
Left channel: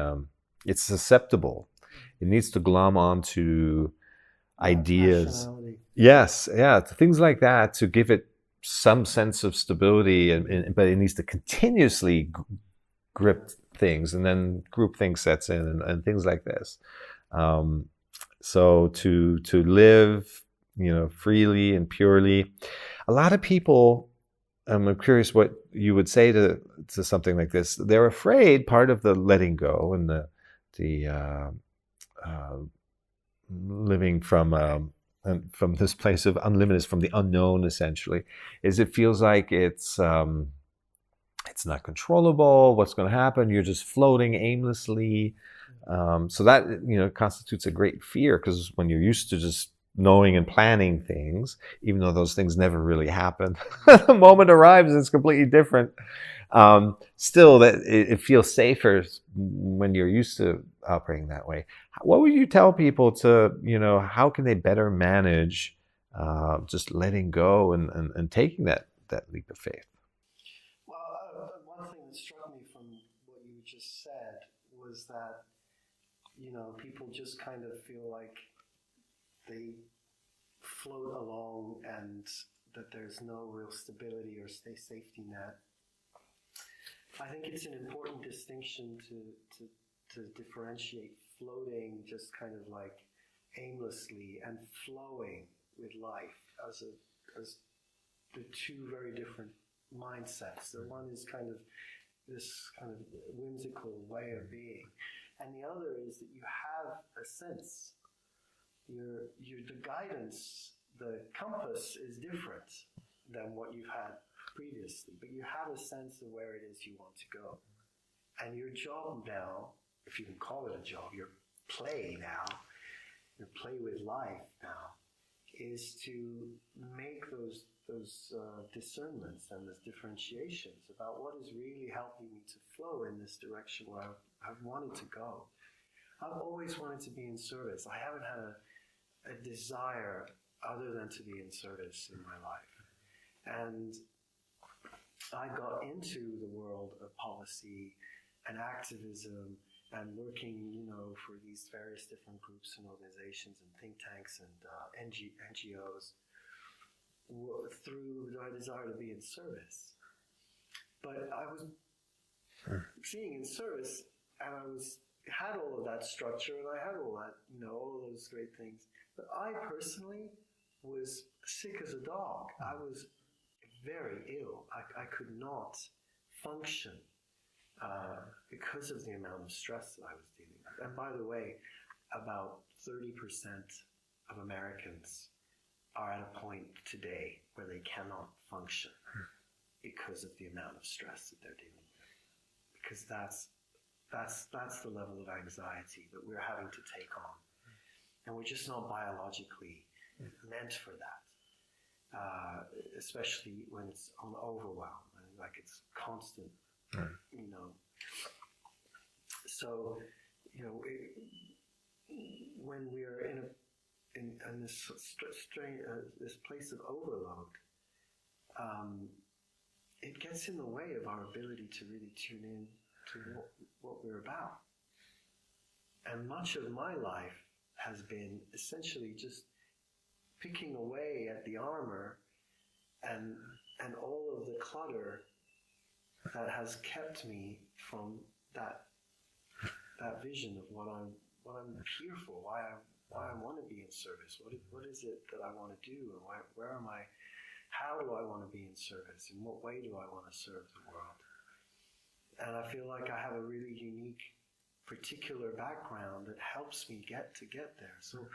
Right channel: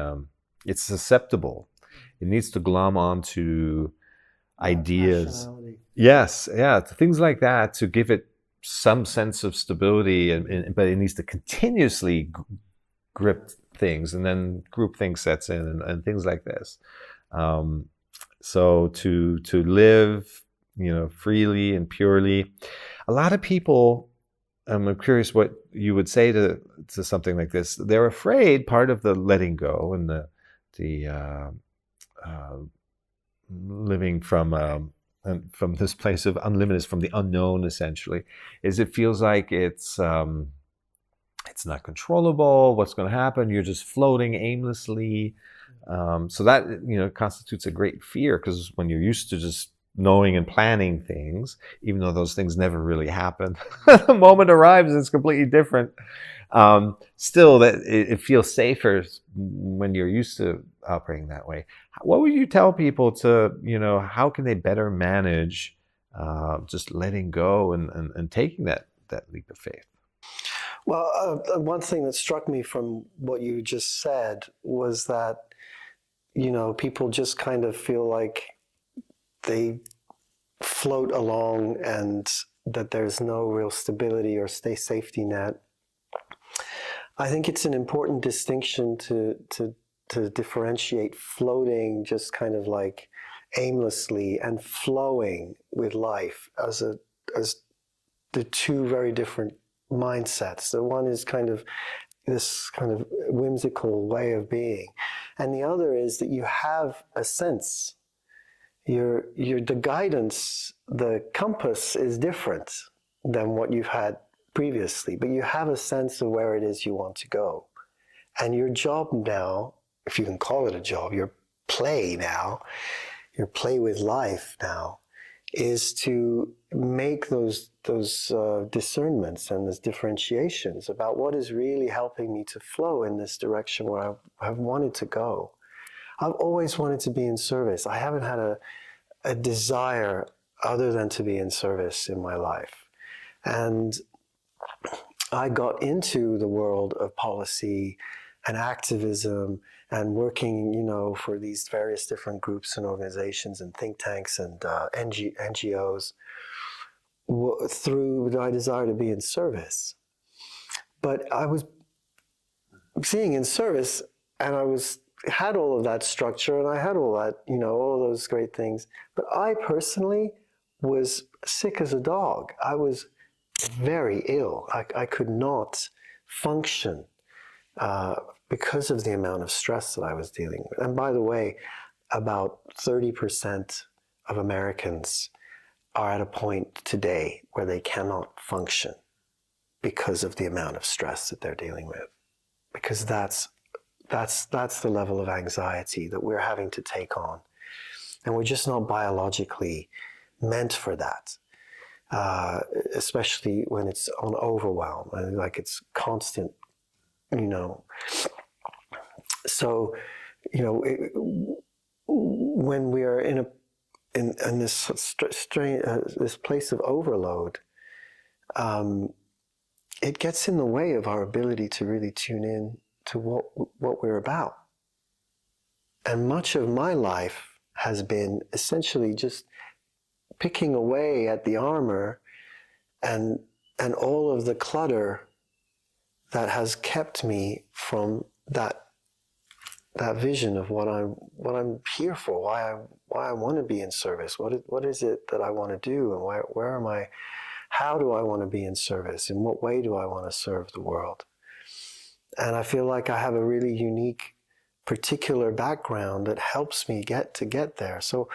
it's susceptible. It needs to glom onto ideas. Yes, yeah, things like that, to give it some sense of stability, but it needs to continuously grip things, and then groupthink sets in, and things like this. So to live, freely and purely, a lot of people. I'm curious what you would say to something like this. They're afraid part of the letting go and the living from this place of unlimited, from the unknown, essentially, is it feels like it's not controllable. What's going to happen? You're just floating aimlessly. So that constitutes a great fear, because when you're used to just knowing and planning things, even though those things never really happen, the moment arrives, it's completely different. Still, that it feels safer when you're used to operating that way. What would you tell people to, how can they better manage just letting go and taking that leap of faith? Well, one thing that struck me from what you just said was that, people just kind of feel like they float along, and that there's no real stability or safety net. I think it's an important distinction to differentiate floating just kind of like aimlessly, and flowing with life, as the two very different mindsets. The one is kind of this kind of whimsical way of being, and the other is that you have a sense. The guidance, the compass is different than what you've had previously, but you have a sense of where it is you want to go. And your job now, if you can call it a job, your play with life now, is to make those discernments and those differentiations about what is really helping me to flow in this direction where I've wanted to go. I've always wanted to be in service. I haven't had a desire other than to be in service in my life. And I got into the world of policy and activism and working, for these various different groups and organizations and think tanks and NGOs through my desire to be in service. But I was seeing in service, and had all of that structure, and I had all that, all those great things. But I personally was sick as a dog. I was very ill. I could not function because of the amount of stress that I was dealing with. And by the way, about 30% of Americans are at a point today where they cannot function because of the amount of stress that they're dealing with. Because that's the level of anxiety that we're having to take on. And we're just not biologically meant for that. Especially when it's on overwhelm, like it's constant, So, when we are in this this place of overload, it gets in the way of our ability to really tune in to what we're about. And much of my life has been essentially just picking away at the armor and all of the clutter that has kept me from that vision of what I'm here for, why I want to be in service, what is it that I want to do, and where am I, how do I want to be in service, in what way do I want to serve the world? And I feel like I have a really unique, particular background that helps me get there. So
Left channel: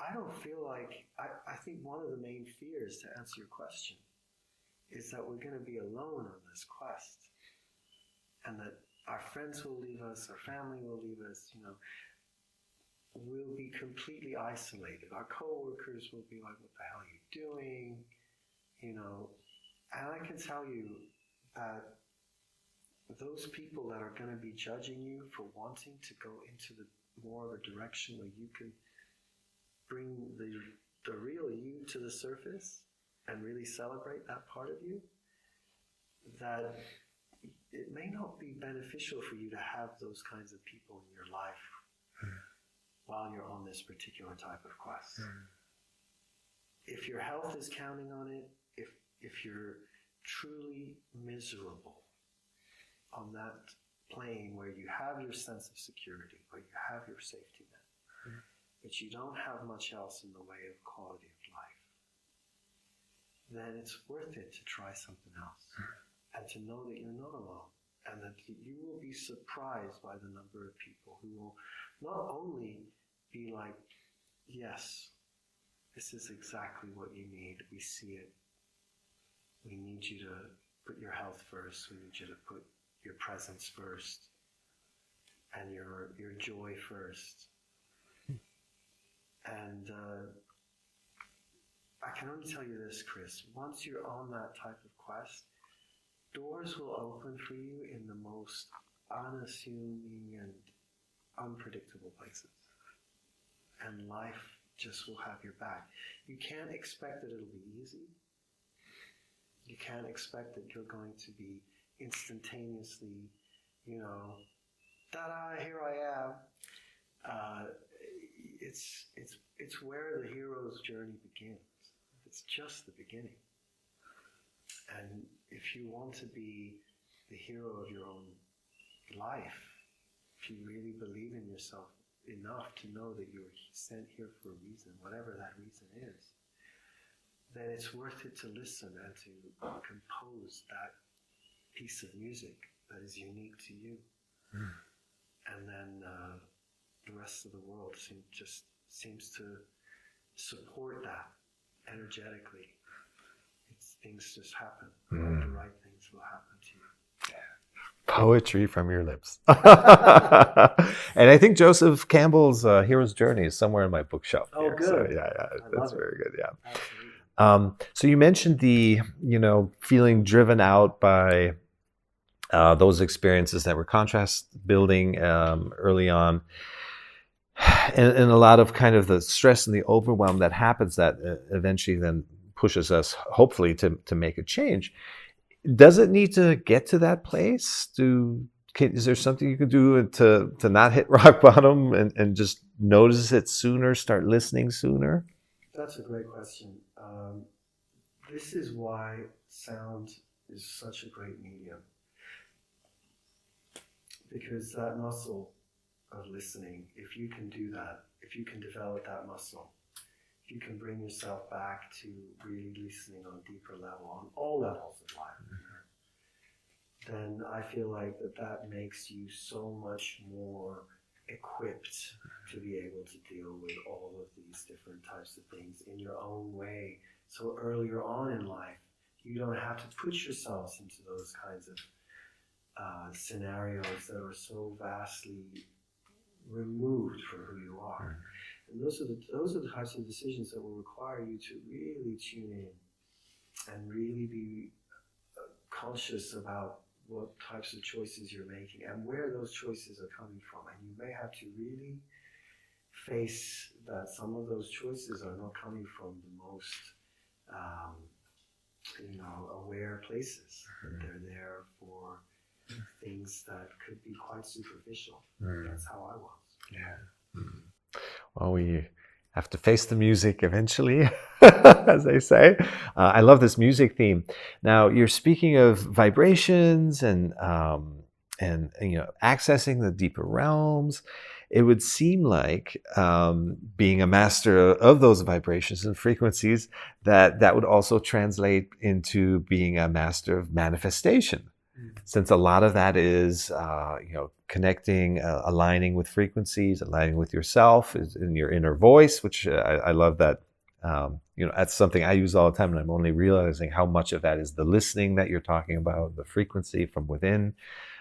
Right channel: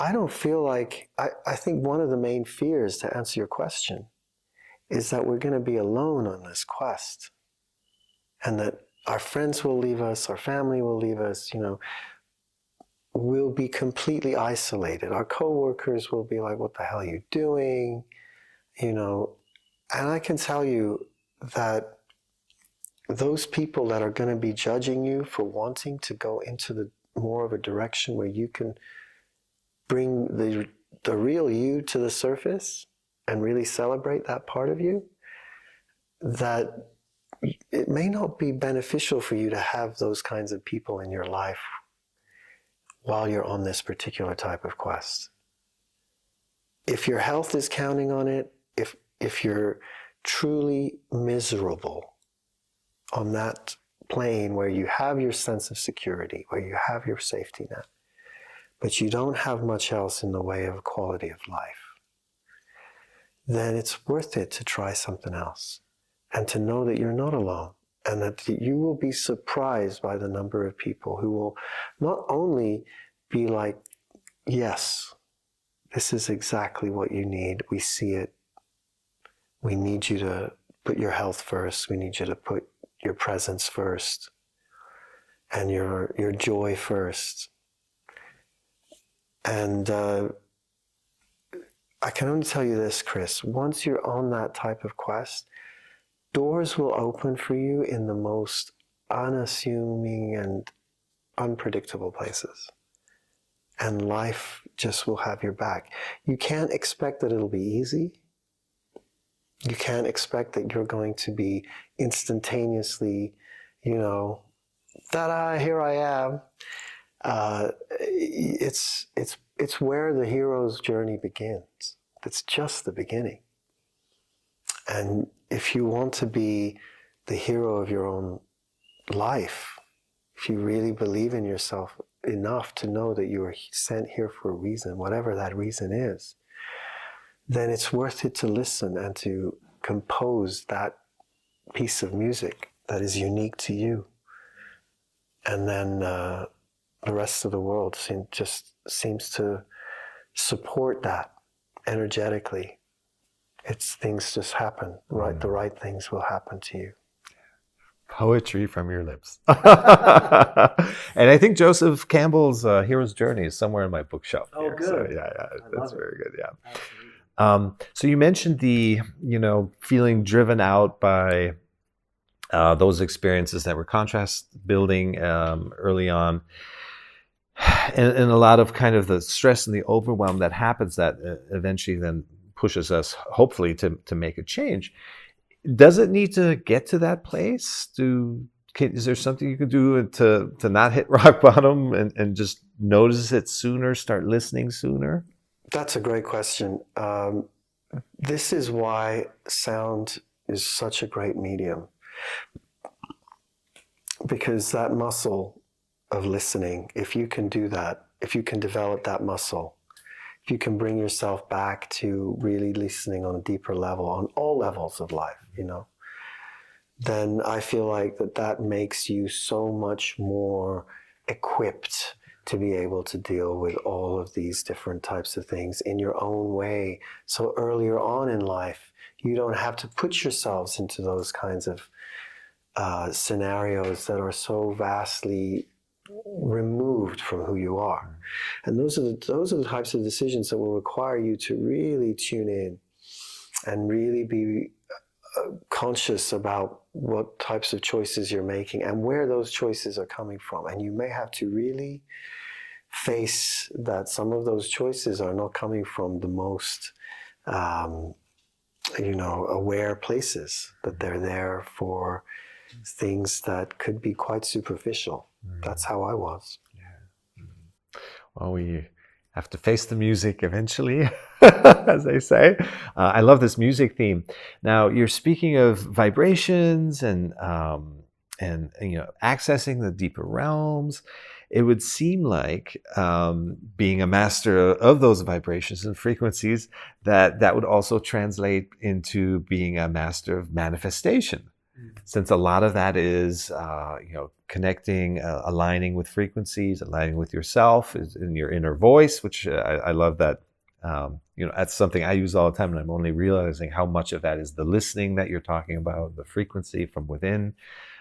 I don't feel like, I think one of the main fears, to answer your question, is that we're going to be alone on this quest, and that our friends will leave us, our family will leave us, we'll be completely isolated. Our coworkers will be like, what the hell are you doing? And I can tell you that those people that are going to be judging you for wanting to go into the more of a direction where you can bring the real you to the surface and really celebrate that part of you, that it may not be beneficial for you to have those kinds of people in your life while you're on this particular type of quest. If your health is counting on it, if you're truly miserable on that plane where you have your sense of security, where you have your safety net, but you don't have much else in the way of quality of life, then it's worth it to try something else and to know that you're not alone, and that you will be surprised by the number of people who will not only be like, yes, this is exactly what you need. We see it. We need you to put your health first. We need you to put your presence first and your joy first. And I can only tell you this, Chris, once you're on that type of quest, doors will open for you in the most unassuming and unpredictable places. And life just will have your back. You can't expect that it'll be easy. You can't expect that you're going to be instantaneously, ta-da, here I am. It's where the hero's journey begins. It's just the beginning. And if you want to be the hero of your own life, if you really believe in yourself enough to know that you are sent here for a reason, whatever that reason is, then it's worth it to listen and to compose that piece of music that is unique to you. And then the rest of the world just seems to support that energetically. Things just happen, right? The right things will happen to you. Poetry from your lips. And I think Joseph Campbell's Hero's Journey is somewhere in my bookshelf. Oh, here. good. So, yeah, that's very good. Yeah. Absolutely. So you mentioned the, feeling driven out by those experiences that were contrast building early on. and a lot of kind of the stress and the overwhelm that happens that eventually then pushes us, hopefully, to make a change. Does it need to get to that place? Is there something you can do to not hit rock bottom and just notice it sooner, start listening sooner? That's a great question. This is why sound is such a great medium, because that muscle of listening, if you can do that, if you can develop that muscle, if you can bring yourself back to really listening on a deeper level, on all levels of life, then I feel like that makes you so much more equipped to be able to deal with all of these different types of things in your own way. So earlier on in life, you don't have to put yourselves into those kinds of scenarios that are so vastly removed from who you are. And those are the types of decisions that will require you to really tune in and really be conscious about what types of choices you're making and where those choices are coming from. And you may have to really face that some of those choices are not coming from the most aware places, that they're there for things that could be quite superficial. That's how I was. Yeah. Well, we have to face the music eventually, as they say. I love this music theme. Now, you're speaking of vibrations and accessing the deeper realms. It would seem like being a master of those vibrations and frequencies, that would also translate into being a master of manifestation. Since a lot of that is, connecting, aligning with frequencies, aligning with yourself, is in your inner voice, which I love that. That's something I use all the time, and I'm only realizing how much of that is the listening that you're talking about, the frequency from within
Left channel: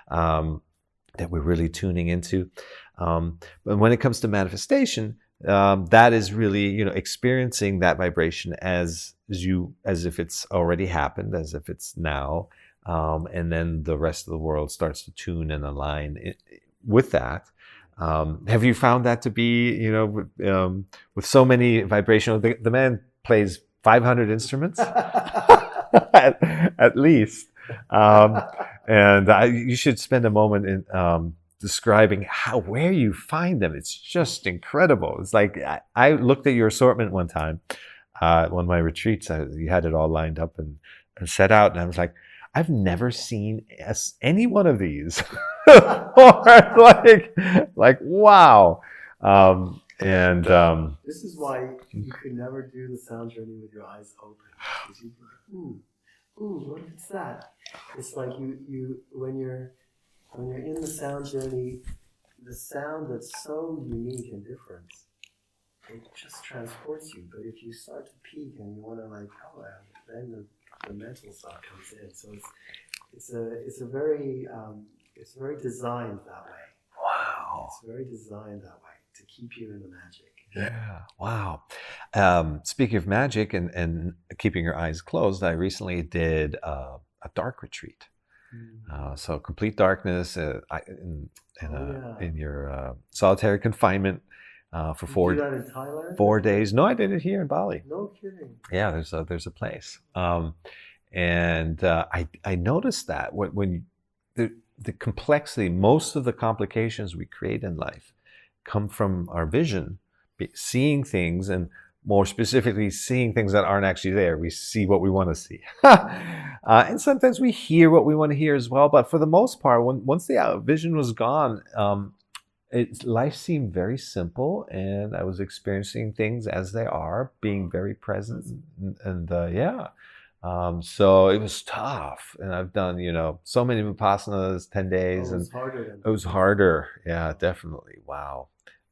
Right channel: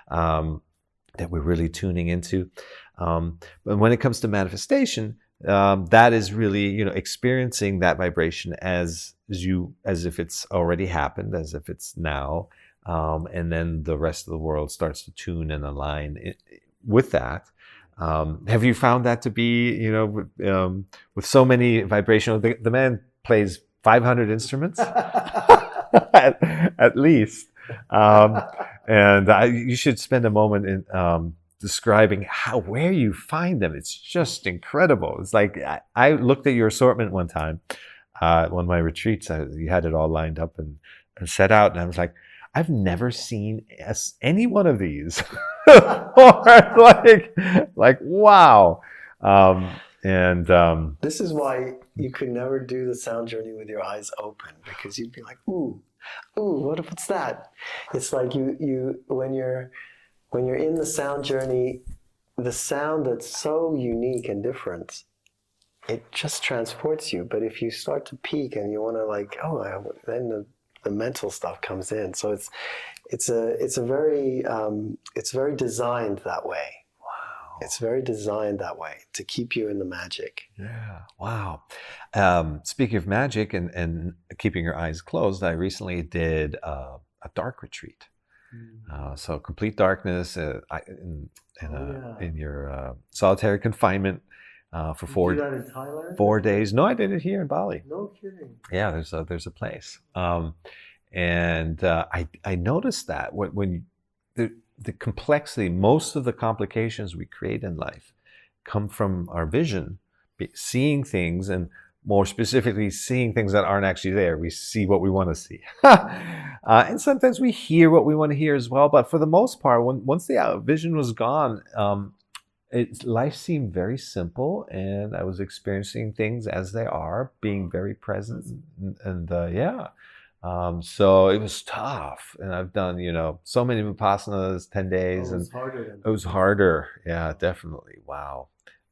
that we're really tuning into. But when it comes to manifestation, that is really, experiencing that vibration as if it's already happened, as if it's now. And then the rest of the world starts to tune and align with that. Have you found that to be, with so many vibrational, the man plays 500 instruments at least. And you should spend a moment in describing where you find them. It's just incredible. It's like, I looked at your assortment one time, one of my retreats. You had it all lined up and set out, and I was like, I've never seen any one of these. Or like wow. This is why you could never do the sound journey with your eyes open, because you'd be like, ooh, what's that? It's like you when you're in the sound journey, the sound that's so unique and different, it just transports you. But if you start to peak and you want to then the mental stuff comes in. So it's very designed that way. Wow. It's very designed that way to keep you in the magic. Yeah. Wow. Speaking of magic and keeping your eyes closed, I recently did a dark retreat. So complete darkness in your solitary confinement for 4 days. Did you do that in Thailand? 4 days. No, I did it here in Bali. No kidding. Yeah, there's a place. And I noticed that when the complexity, most of the complications we create in life come from our vision, seeing things, and more specifically, seeing things that aren't actually there. We see what we want to see. And sometimes we hear what we want to hear as well. But for the most part, once the vision was gone, life seemed very simple, and I was experiencing things as they are, being very present, and so it was tough. And I've done, so many Vipassanas, 10 days. It was harder. Yeah, definitely. Wow.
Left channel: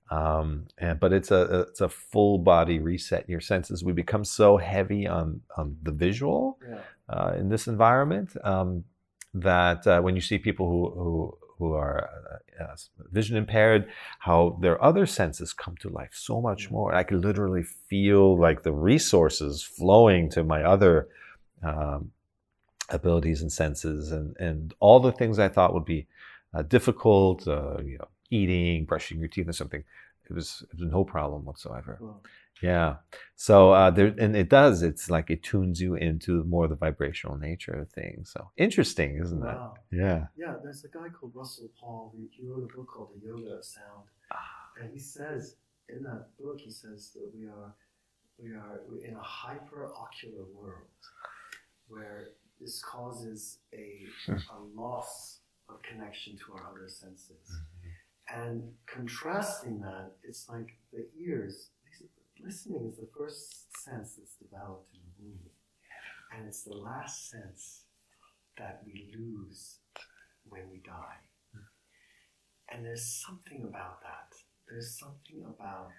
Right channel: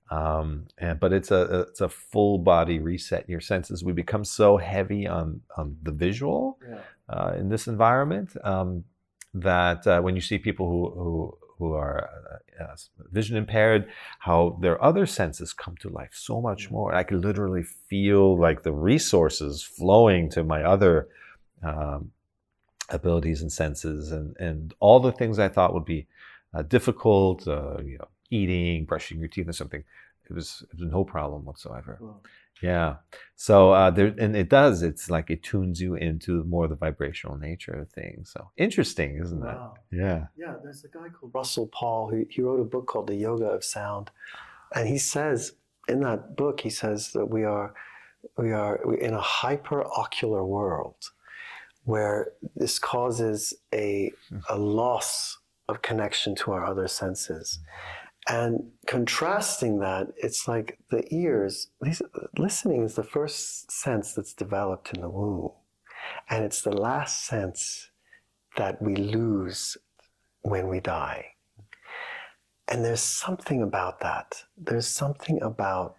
But it's a full body reset in your senses. We become so heavy on the visual in this environment that when you see people who are vision impaired, how their other senses come to life so much more. I could literally feel like the resources flowing to my other abilities and senses, and all the things I thought would be difficult, eating, brushing your teeth or something, It was no problem whatsoever. Wow. Yeah. So it's like it tunes you into more the vibrational nature of things. So interesting, isn't it? Wow. Yeah. Yeah, there's a guy called Russell Paul who he wrote a book called The Yoga of Sound. And he says in that book, he says that we're in a hyperocular world where this causes a loss of connection to our other senses. And contrasting that, it's like the ears, listening is the first sense that's developed in the womb. And it's the last sense that we lose when we die. And there's something about that. There's something about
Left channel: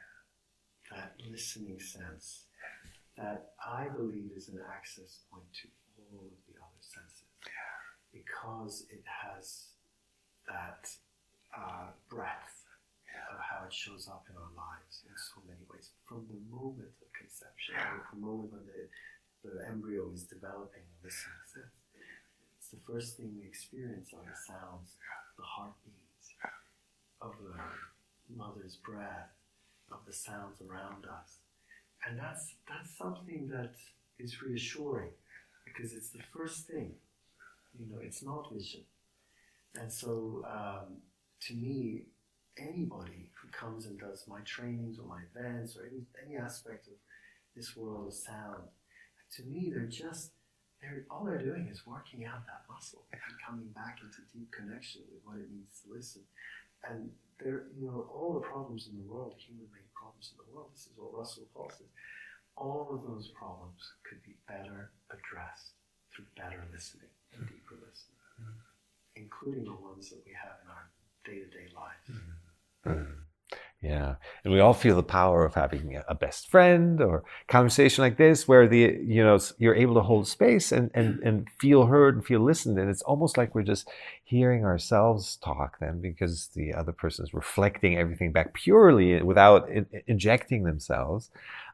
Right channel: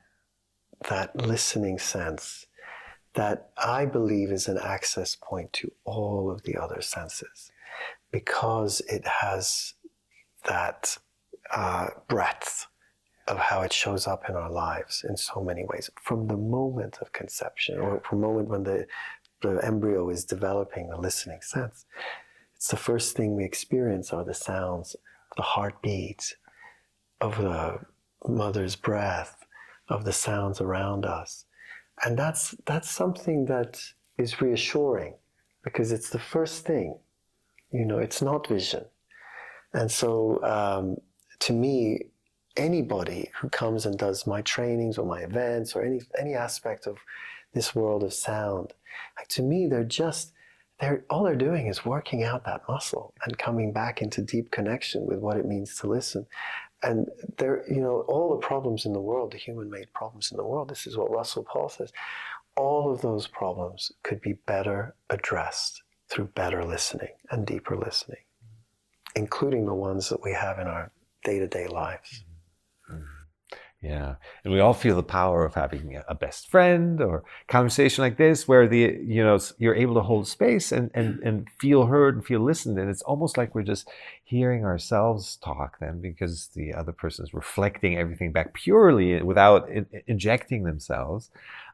that listening sense that I believe is an access point to all of the other senses, because it has that breadth of how it shows up in our lives in so many ways, from the moment of conception, or from the moment when the embryo is developing the listening sense. It's the first thing we experience are the sounds, the heartbeats, of the mother's breath, of the sounds around us. And that's something that is reassuring, because it's the first thing. It's not vision. And so to me, anybody who comes and does my trainings or my events or any aspect of this world of sound, like, to me, all they're doing is working out that muscle and coming back into deep connection with what it means to listen. And all the problems in the world, the human-made problems in the world, this is what Russell Paul says, all of those problems could be better addressed through better listening and deeper listening, including the ones that we have in our day-to-day lives. Mm-hmm. Yeah, and we all feel the power of having a best friend or conversation like this, where you're able to hold space and feel heard and feel listened, and it's almost like we're just hearing ourselves talk then, because the other person is reflecting everything back purely without injecting themselves,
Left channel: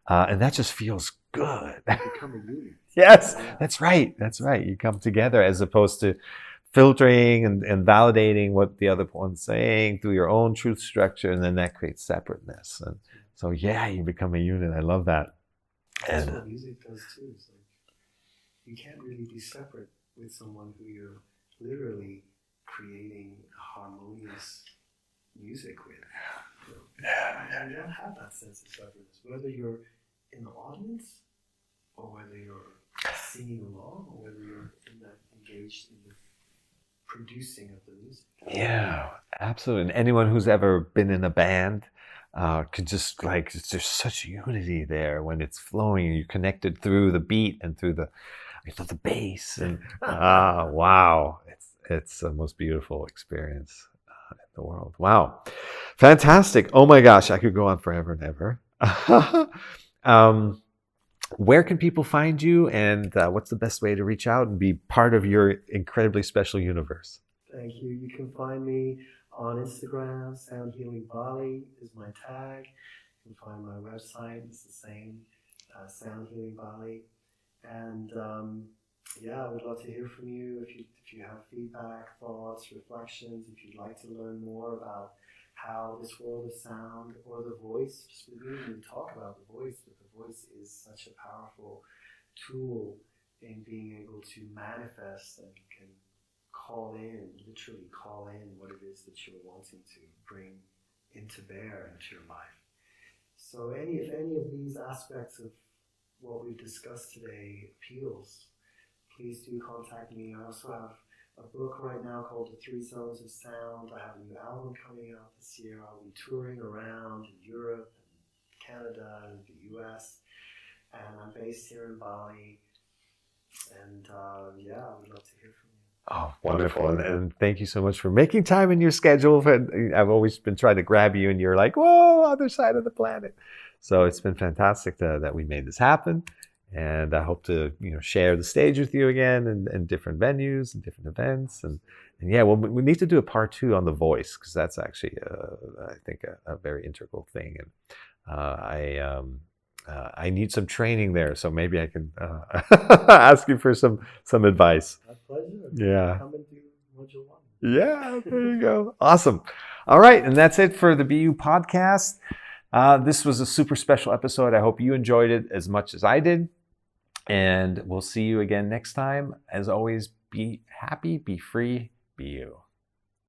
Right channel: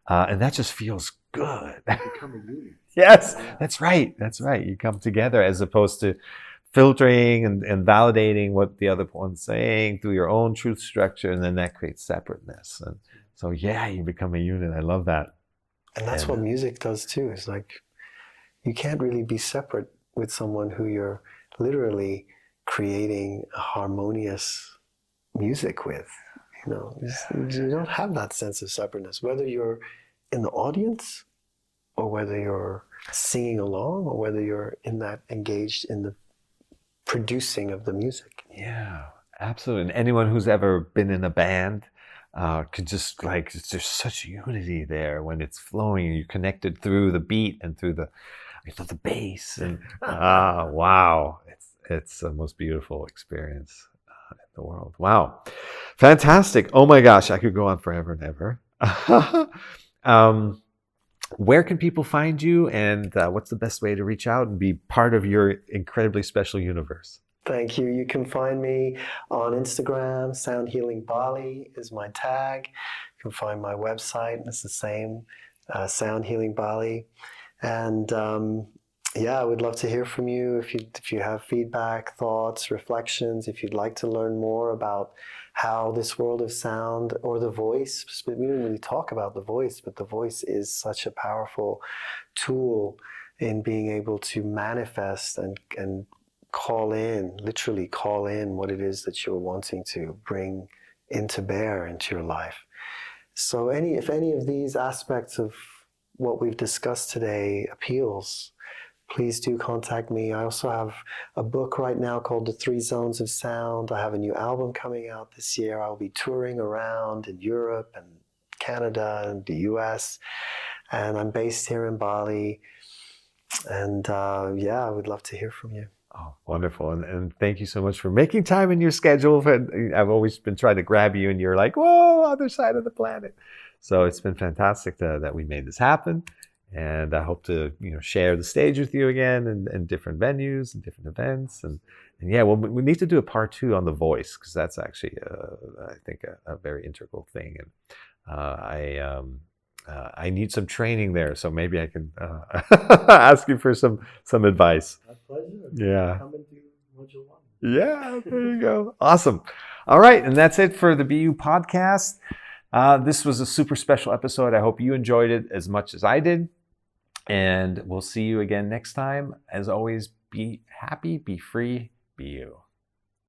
and that just feels good. Become a unit. Yes, that's right. You come together as opposed to filtering and validating what the other one's saying through your own truth structure, and then that creates separateness. And so, you become a unit. I love that. And that's what music does too. It's like you can't really be separate with someone who you're literally creating a harmonious music with. You don't have that sense of separateness, whether you're in the audience or whether you're singing along or whether you're engaged in the producing of the music. Yeah, absolutely. And anyone who's ever been in a band could just there's such unity there when it's flowing and you're connected through the beat and through the bass, and wow, it's the most beautiful experience in the world. Wow, fantastic. Oh my gosh, I could go on forever and ever. Where can people find you, and what's the best way to reach out and be part of your incredibly special universe? Thank you. You can find me on Instagram. Sound Healing Bali is my tag. You can find my website. It's the same, Sound Healing Bali. And I would love to hear from you if you have feedback, thoughts, reflections. If you'd like to learn more about how this world of sound or the voice, we don't really talk about the voice, but the voice is such a powerful tool in being able to manifest and literally call in what it is that you're wanting to bring into bear into your life. So if any of these aspects of what we've discussed today appeals, please do contact me. I also have a book right now called The 3 Zones of Sound. I have a new album coming out this year. I'll be touring around in Europe and Canada and the US. And I'm based here in Bali. And I would love to hear from you. Oh, wonderful. And thank you so much for making time in your schedule. I've always been trying to grab you, and you're like, whoa, other side of the planet. So it's been fantastic that we made this happen. And I hope to share the stage with you again in different venues and different events. And we need to do a part 2 on the voice, because that's actually, I think, a very integral thing. And I need some training there, so maybe I can ask you for some advice. My pleasure. Yeah. Come and do what you want. Yeah, there you go. Awesome. All right, and that's it for the BU podcast. This was a super special episode. I hope you enjoyed it as much as I did. And we'll see you again next time. As always, be happy, be free, be you.